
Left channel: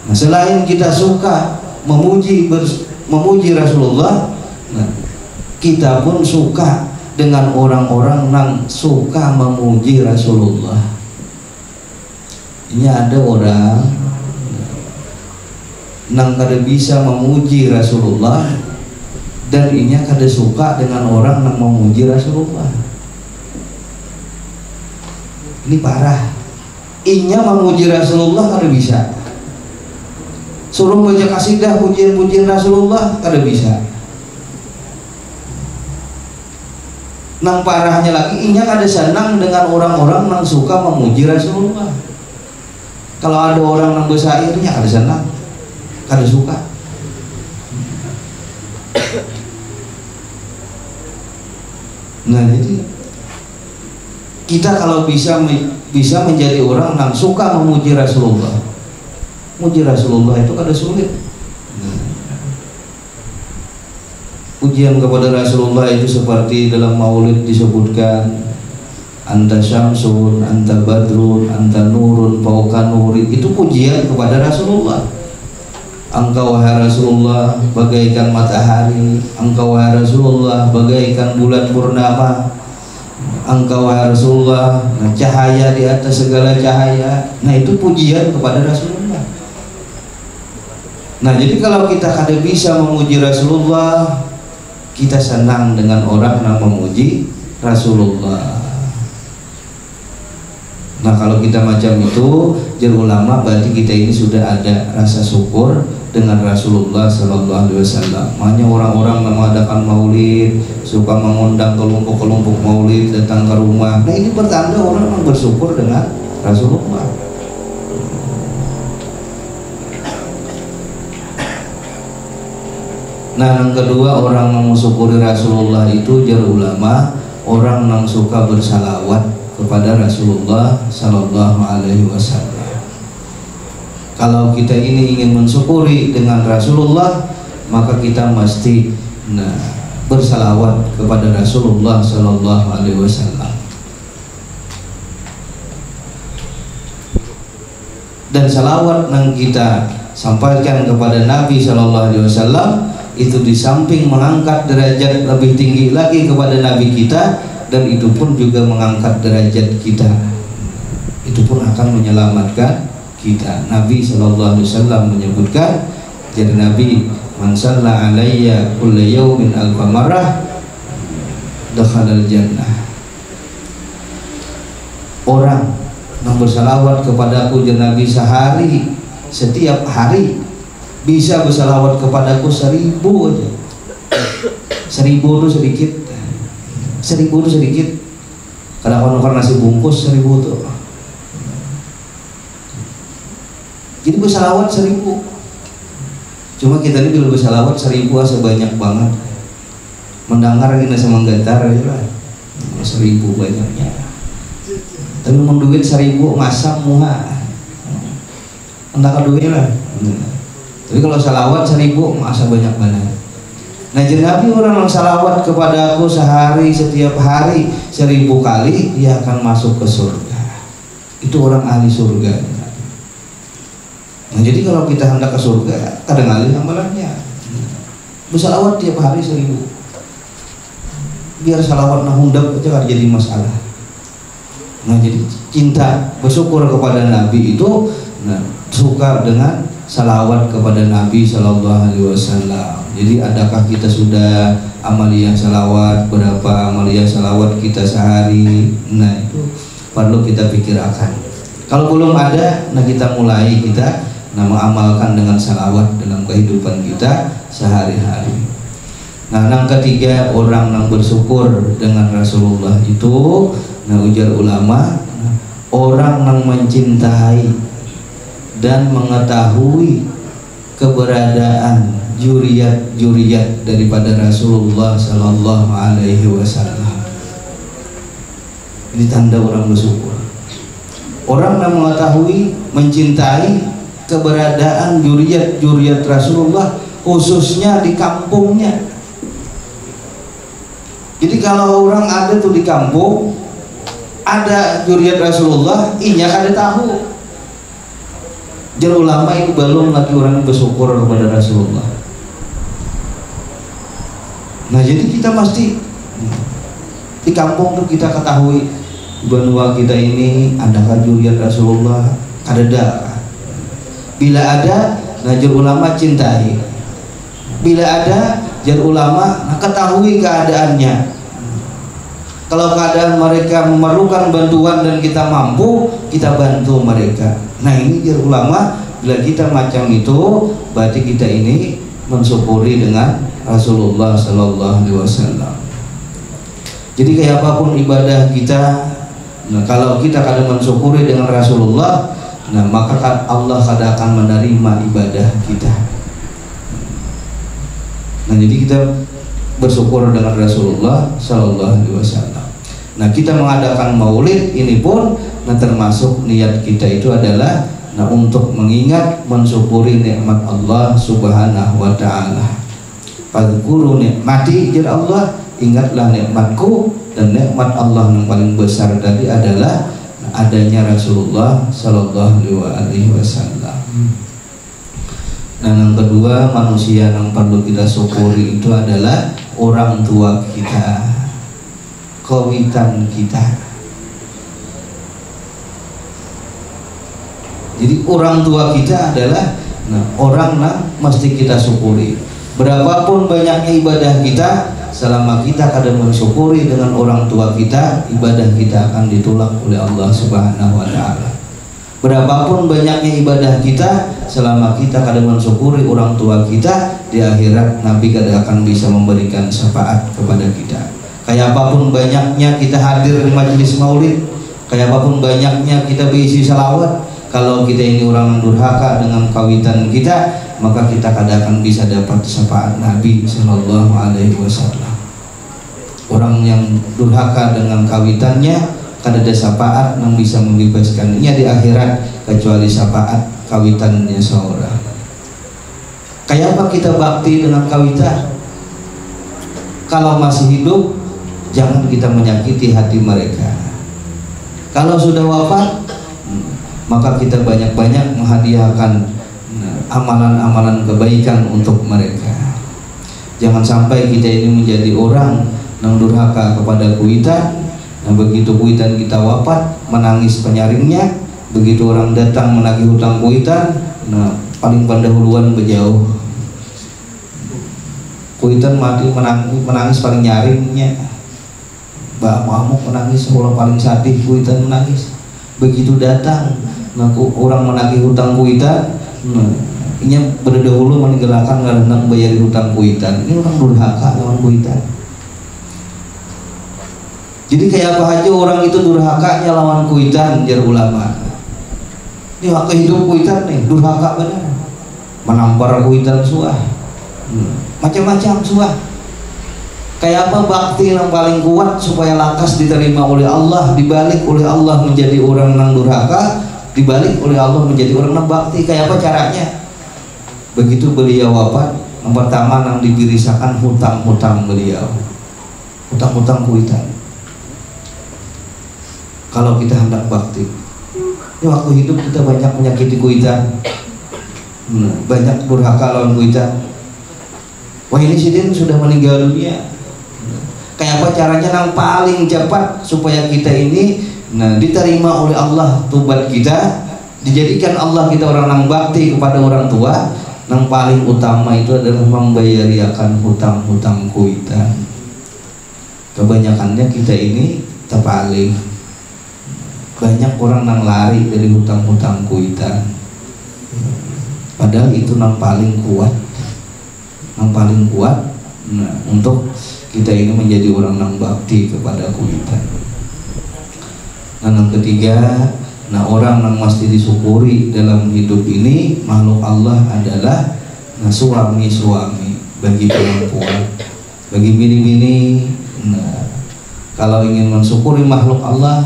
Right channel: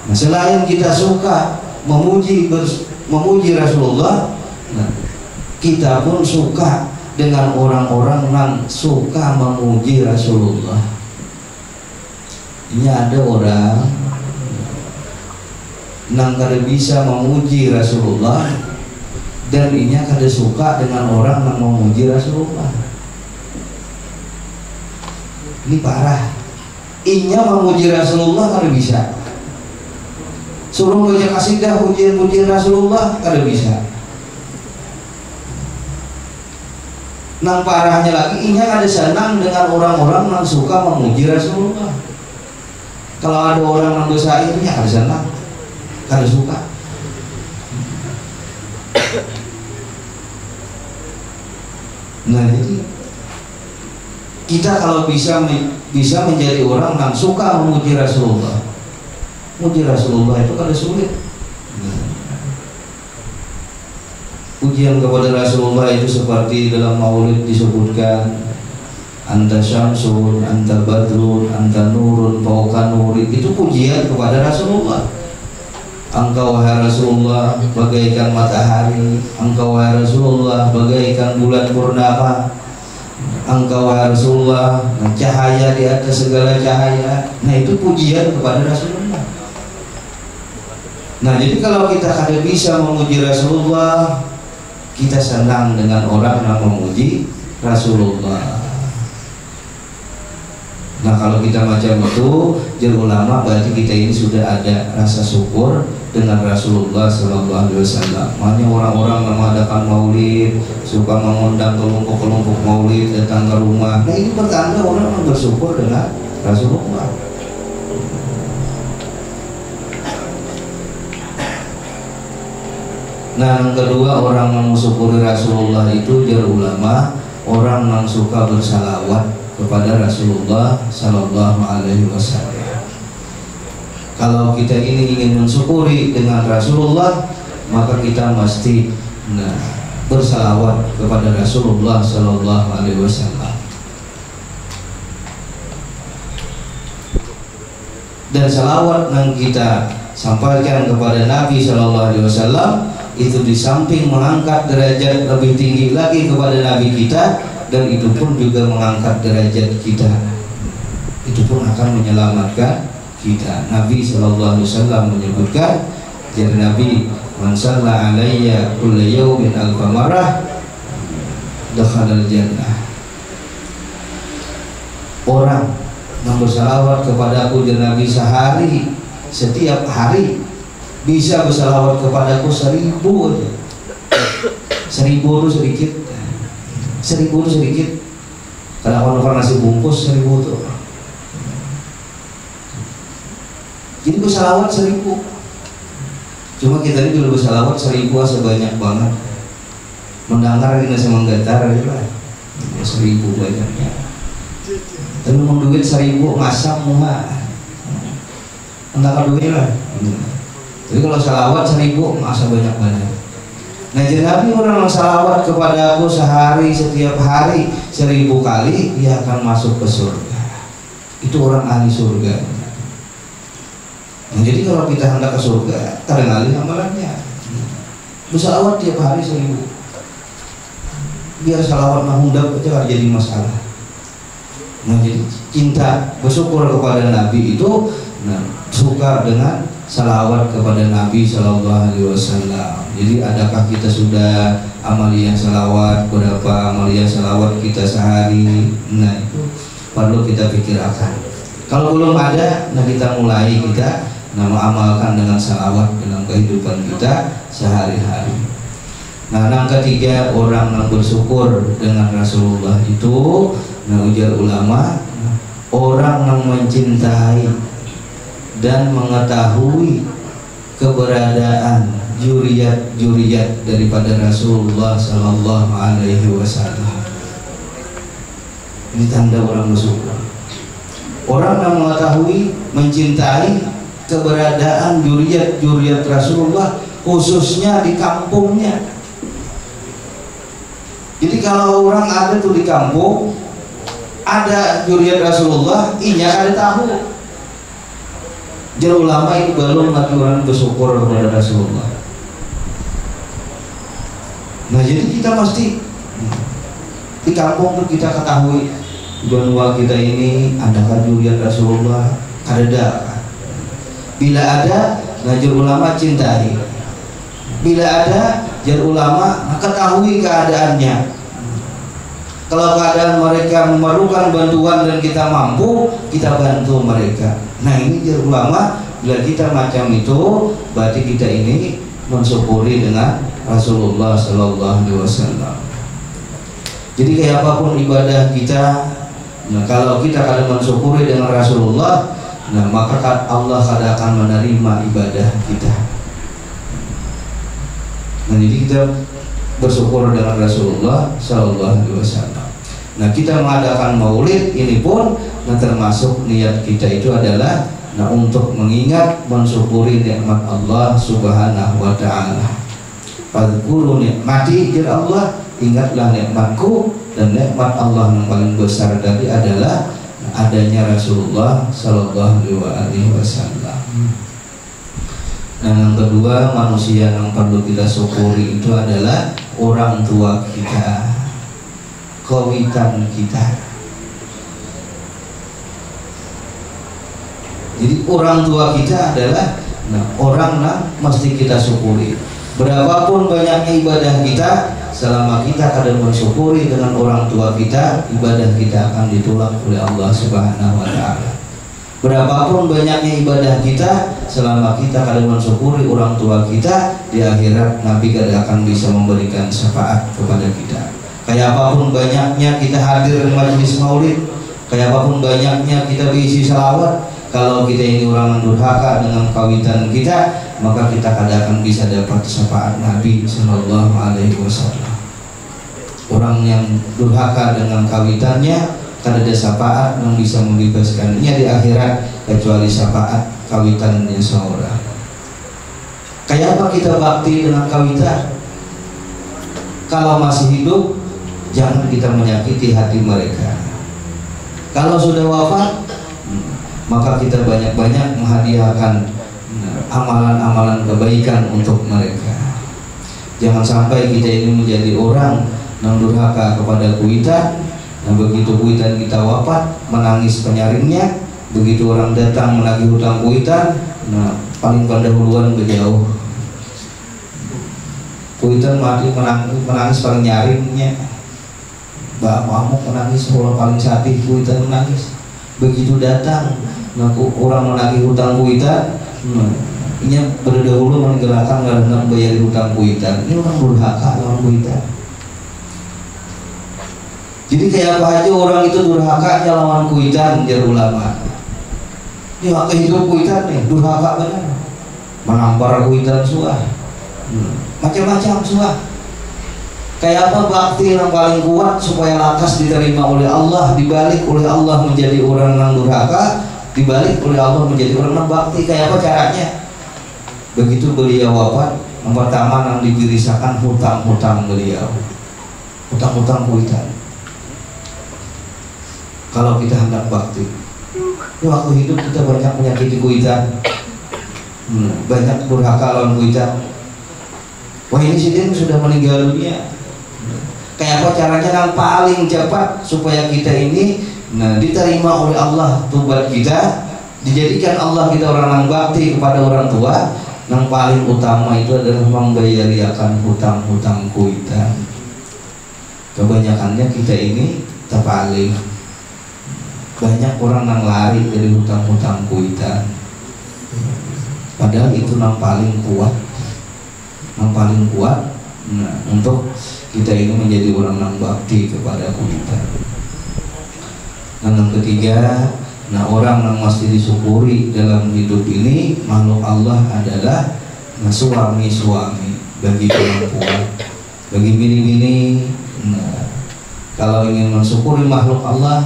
Nah, selain kita suka memuji Rasulullah, nah, kita pun suka dengan orang-orang yang suka memuji Rasulullah. Ini ada orang yang kada bisa memuji Rasulullah, dan ini kada suka dengan orang yang memuji Rasulullah. Ini parah. Inya memuji Rasulullah kada bisa. Suruh baca kasidah pujian-pujian Rasulullah kada bisa. Nang parahnya lagi, inya kada senang dengan orang-orang yang suka memuji Rasulullah. Kalau ada orang yang bersairnya kada senang, kada suka. Nah jadi kita kalau bisa menjadi orang yang suka memuji Rasulullah. Memuji Rasulullah itu kada sulit. Pujian kepada Rasulullah itu seperti dalam maulid disebutkan, anta syamsun, anta badrun, anta nurun, fauqa nuri. Itu pujian kepada Rasulullah. Engkau wahai Rasulullah bagaikan matahari, engkau wahai Rasulullah bagaikan bulan purnama, engkau wahai Rasulullah cahaya di atas segala cahaya. Nah itu pujian kepada Rasulullah. Nah jadi kalau kita kada bisa memuji Rasulullah, kita senang dengan orang yang memuji Rasulullah. Nah kalau kita macam itu, jar ulama, berarti kita ini sudah ada rasa syukur dengan Rasulullah Sallallahu Alaihi Wasallam. Makanya orang-orang mengadakan maulid, suka mengundang kelompok-kelompok maulid datang ke rumah. Nah ini pertanda orang bersyukur dengan Rasulullah. Nah yang kedua, orang yang mensyukuri Rasulullah itu jar ulama, orang yang suka bersalawat kepada Rasulullah Sallallahu Alaihi Wasallam. Kalau kita ini ingin mensyukuri dengan Rasulullah, maka kita mesti bersalawat kepada Rasulullah Sallallahu Alaihi Wasallam. Dan salawat yang kita sampaikan kepada Nabi Sallallahu Alaihi Wasallam itu di samping mengangkat derajat lebih tinggi lagi kepada Nabi kita, dan itu pun juga mengangkat derajat kita, itu pun akan menyelamatkan kita. Nabi Sallallahu Alaihi Wasallam menyebutkan, jadi Nabi, man shalla alayya kulla yawmin alfa marrah dakhalal jannah. Orang yang bersalawat kepada aku, jadi Nabi, sehari, setiap hari bisa bersalawat kepadaku 1000 aja. 1000 itu sedikit, 1000 itu sedikit. Kadang-kadang nasi bungkus 1000 tuh. Jadi bersalawat 1000. Cuma kita ini dulu bersalawat 1000 sebanyak banget. Mendengar kita sama menggetar gitu lah. 1000 banyaknya. Tapi mau duit 1000 masam muha. Entah duit lah. Tapi kalau salawat 1000 masa banyak-banyak. Nah jadi Nabi, orang yang salawat kepada aku sehari, setiap hari 1000 kali, dia akan masuk ke surga. Itu orang ahli surga. Nah jadi kalau kita hendak ke surga, kadang kali amalannya bersalawat tiap hari 1000. Biar salawat nahundak aja gak jadi masalah. Nah jadi cinta, bersyukur kepada Nabi itu, suka dengan salawat kepada Nabi Sallallahu Alaihi Wasallam. Jadi adakah kita sudah amaliyah salawat? Berapa amaliyah salawat kita sehari? Nah itu perlu kita pikirkan. Kalau belum ada, nah kita mulai mengamalkan dengan salawat dalam kehidupan kita sehari-hari. Nah yang ketiga, orang yang bersyukur dengan Rasulullah itu, nah ujar ulama, orang yang mencintai dan mengetahui keberadaan juriyat daripada Rasulullah Sallallahu Alaihi Wasallam. Ini tanda orang bersyukur. Orang yang mengetahui, mencintai keberadaan juriyat Rasulullah, khususnya di kampungnya. Jadi kalau orang ada tuh di kampung, ada juriyat Rasulullah, inya ada tahu. Jadi ulama itu belum lagi orang bersyukur kepada Rasulullah. Nah jadi kita mesti di kampung tuh kita ketahui bahwa kita ini adakah juriyat Rasulullah, ada. Bila ada, jar ulama cintai. Bila ada, jar ulama ketahui keadaannya. Kalau keadaan mereka memerlukan bantuan dan kita mampu, kita bantu mereka. Nah ini jar ulama, bila kita macam itu, berarti kita ini mensyukuri dengan Rasulullah Sallallahu Alaihi Wasallam. Jadi kayak apapun ibadah kita, nah kalau kita kadang mensyukuri dengan Rasulullah, nah maka Allah kadang akan menerima ibadah kita. Nah jadi kita bersyukur dengan Rasulullah Sallallahu Alaihi Wasallam. Nah kita mengadakan maulid ini pun, nah termasuk niat kita itu adalah untuk mengingat, mensyukuri nikmat Allah Subhanahu Wa Taala. Fadzkuru nikmati, jar Allah, ingatlah nikmatku. Dan nikmat Allah yang paling besar tadi adalah adanya Rasulullah Sallallahu Alaihi Wasallam. Nah yang kedua, manusia yang perlu kita syukuri itu adalah orang tua kita, kawitan kita. Jadi orang tua kita adalah orang yang mesti kita syukuri. Berapapun banyaknya ibadah kita, selama kita kadang mensyukuri dengan orang tua kita, ibadah kita akan ditolak oleh Allah Subhanahu wa taala. Berapapun banyaknya ibadah kita, selama kita kadang mensyukuri orang tua kita, di akhirat Nabi kadang akan bisa memberikan syafaat kepada kita. Kayak apapun banyaknya kita hadir di majelis maulid, kayak apapun banyaknya kita berisi salawat, kalau kita ini orang durhaka dengan kawitan kita, maka kita kadang akan bisa dapat syafaat Nabi Sallallahu Alaihi Wasallam. Orang yang durhaka dengan kawitannya, kada ada syafaat yang bisa membebaskannya di akhirat kecuali syafaat kawitannya seorang. Kayak apa kita bakti dengan kawitan? Kalau masih hidup, jangan kita menyakiti hati mereka. Kalau sudah wafat, maka kita banyak-banyak menghadiahkan amalan-amalan kebaikan untuk mereka. Jangan sampai kita ini menjadi orang yang durhaka kepada kuitan. Nah, begitu kuitan kita wafat, menangis penyaringnya. Begitu orang datang menagih hutang kuitan, nah paling pendahuluan berjauh. Kuitan mati menangis paling nyaringnya. Mbak Mahmud menangis, orang paling sadih kuitan menangis. Begitu datang, nah, orang menagih hutang kuitan, nah, ini berdahulu meninggalkan karena bayar hutang kuitan. Ini orang durhaka lawan kuitan. Jadi kayak apa aja orang itu durhakanya lawan kuitan, jar ulama. Ini hak hidup kuitan nih, durhaka benar. Menampar kuitan suah, macam-macam suah. Kayak apa bakti yang paling kuat supaya lakas diterima oleh Allah, dibalik oleh Allah menjadi orang yang durhaka, dibalik oleh Allah menjadi orang yang bakti. Kayak apa caranya? Begitu beliau wafat, yang pertama yang dibirisakan hutang-hutang beliau, hutang-hutang kuitan. Kalau kita hendak bakti, ini waktu hidup kita banyak menyakiti kuitan, banyak durhaka lawan kuitan. Wah, ini si Din sudah meninggal dunia. Kayak apa caranya yang paling cepat supaya kita ini diterima oleh Allah tobat kita, dijadikan Allah kita orang yang bakti kepada orang tua. Yang paling utama itu adalah membayariakan hutang-hutang kuitan. Kebanyakannya kita ini terpaling. Banyak orang yang lari dari hutang-hutang kuitan. Padahal itu yang paling kuat. Yang paling kuat untuk kita ini menjadi orang yang bakti kepada kuitan. Dan yang ketiga, orang yang mesti disyukuri dalam hidup ini makhluk Allah adalah suami-suami bagi perempuan, bagi bini-bini. Kalau ingin mensyukuri makhluk Allah,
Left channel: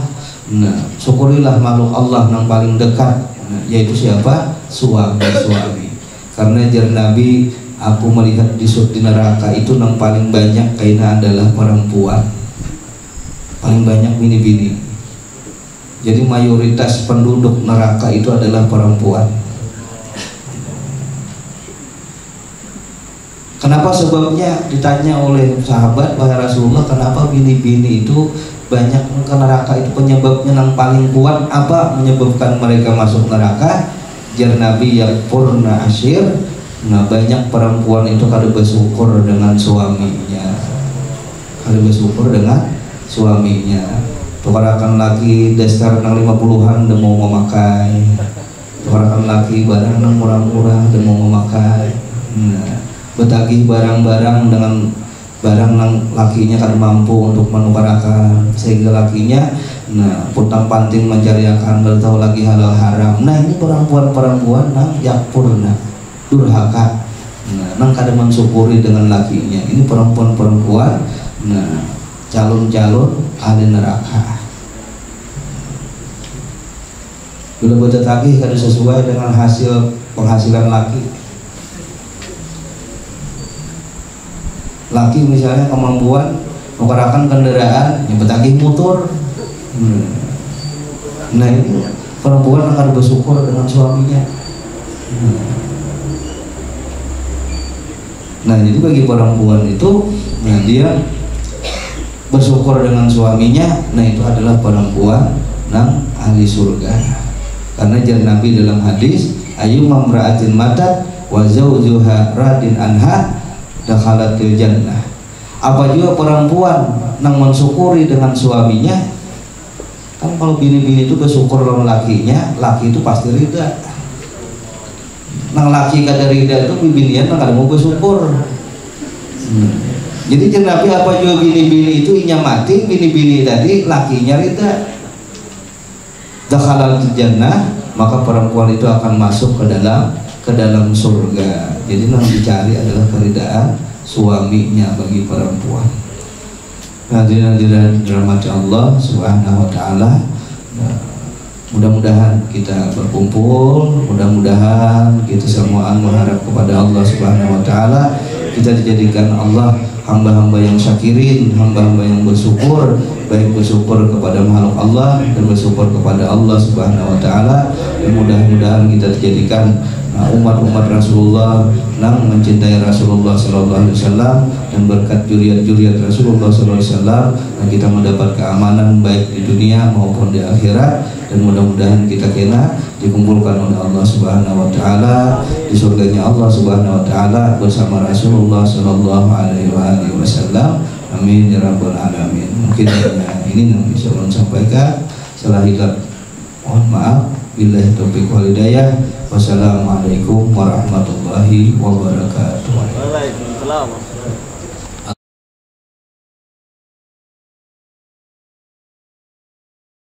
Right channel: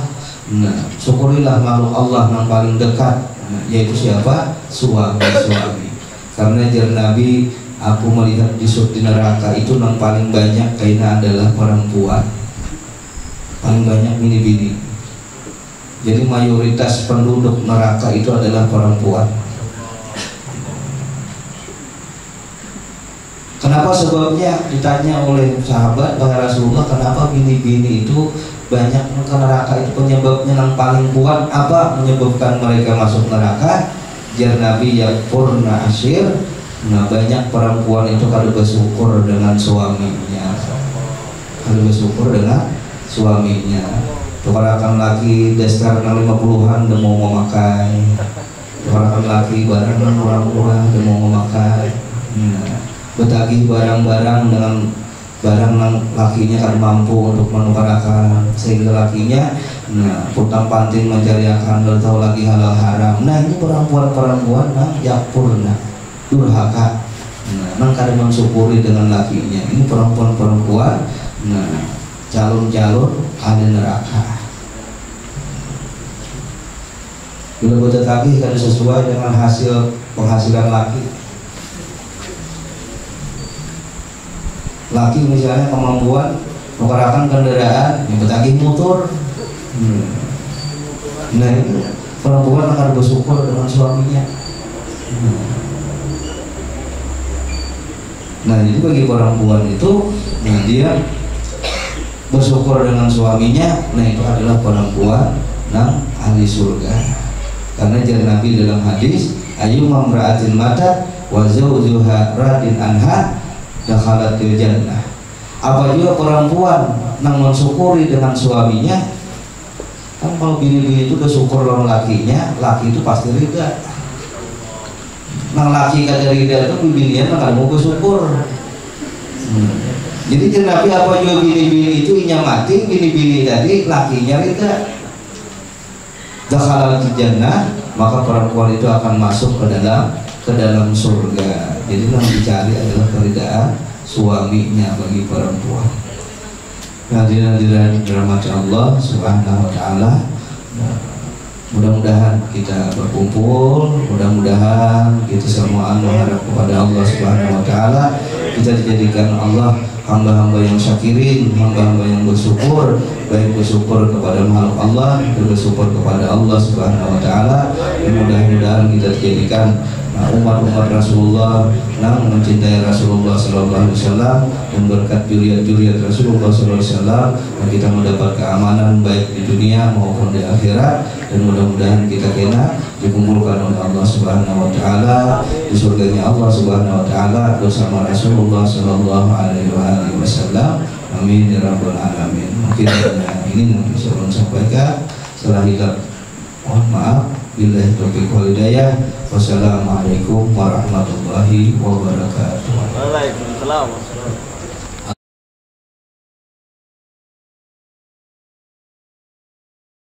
syukurilah makhluk Allah yang paling dekat, yaitu siapa? Suami-suami. Karena jar Nabi, aku melihat di neraka itu yang paling banyak kayaknya adalah perempuan, paling banyak bini-bini. Jadi mayoritas penduduk neraka itu adalah perempuan. Kenapa sebabnya? Ditanya oleh sahabat, wahai Rasulullah, kenapa bini-bini itu banyak ke neraka? Itu penyebabnya yang paling kuat apa menyebabkan mereka masuk neraka? Jar Nabi, yakfurna asyir. Banyak perempuan itu kalau bersyukur dengan suaminya, kalau bersyukur dengan suaminya. Tukarakan laki dasar 50-an udah mau memakai, tukarakan laki barang yang murah-murah udah mau memakai. Betagih barang-barang dengan barang yang lakinya kan mampu untuk menukarakan, sehingga lakinya putang panting mencari akan tahu lagi halal haram. Nah, ini perempuan-perempuan yang purna durhaka, nang kada mensyukuri dengan lakinya. Ini perempuan-perempuan, calon-calon ahli neraka. Bila bertetagih kada sesuai dengan hasil penghasilan laki. Laki misalnya kemampuan menggerakkan kendaraan, yang bertagih motor. Nah, itu perempuan akan bersyukur dengan suaminya. Nah, jadi bagi perempuan itu, dia bersyukur dengan suaminya. Nah, itu adalah perempuan yang ahli surga. Karena jar Nabi dalam hadis, ayu mamra'atin matat wa zawjuha radin anha dakhalatil jannah. Apa juga perempuan nang mensyukuri dengan suaminya. Kan kalau bini-bini itu bersyukur dengan lakinya, laki itu pasti ridha. Nang laki kada ridha itu binian kada mau bersyukur. Jadi Nabi apa juga bini-bini itu inya mati, bini-bini tadi lakinya ridha. Dakhalal jannah, maka perempuan itu akan masuk ke dalam surga. Jadi yang dicari adalah keridaan suaminya bagi perempuan. Hadirin dirahmati Allah Subhanahu wa taala. Mudah-mudahan kita berkumpul, mudah-mudahan kita semua mengharap kepada Allah Subhanahu wa taala, kita dijadikan Allah hamba-hamba yang syakirin, hamba-hamba yang bersyukur, baik bersyukur kepada makhluk Allah dan bersyukur kepada Allah Subhanahu wa taala. Mudah-mudahan kita dijadikan umat-umat Rasulullah yang mencintai Rasulullah sallallahu alaihi wasallam dan berkat juriat-juriat Rasulullah sallallahu alaihi wasallam dan kita mendapat keamanan baik di dunia maupun di akhirat, dan mudah-mudahan kita kena dikumpulkan oleh Allah Subhanahu wa taala di surganya Allah Subhanahu wa taala bersama Rasulullah sallallahu alaihi wasallam. Amin ya rabbal alamin. Mungkin ini yang bisa saya sampaikan. Salah hilaf mohon maaf. Billahi taufiq wal hidayah. Wassalamualaikum warahmatullahi wabarakatuh. Waalaikumsalam.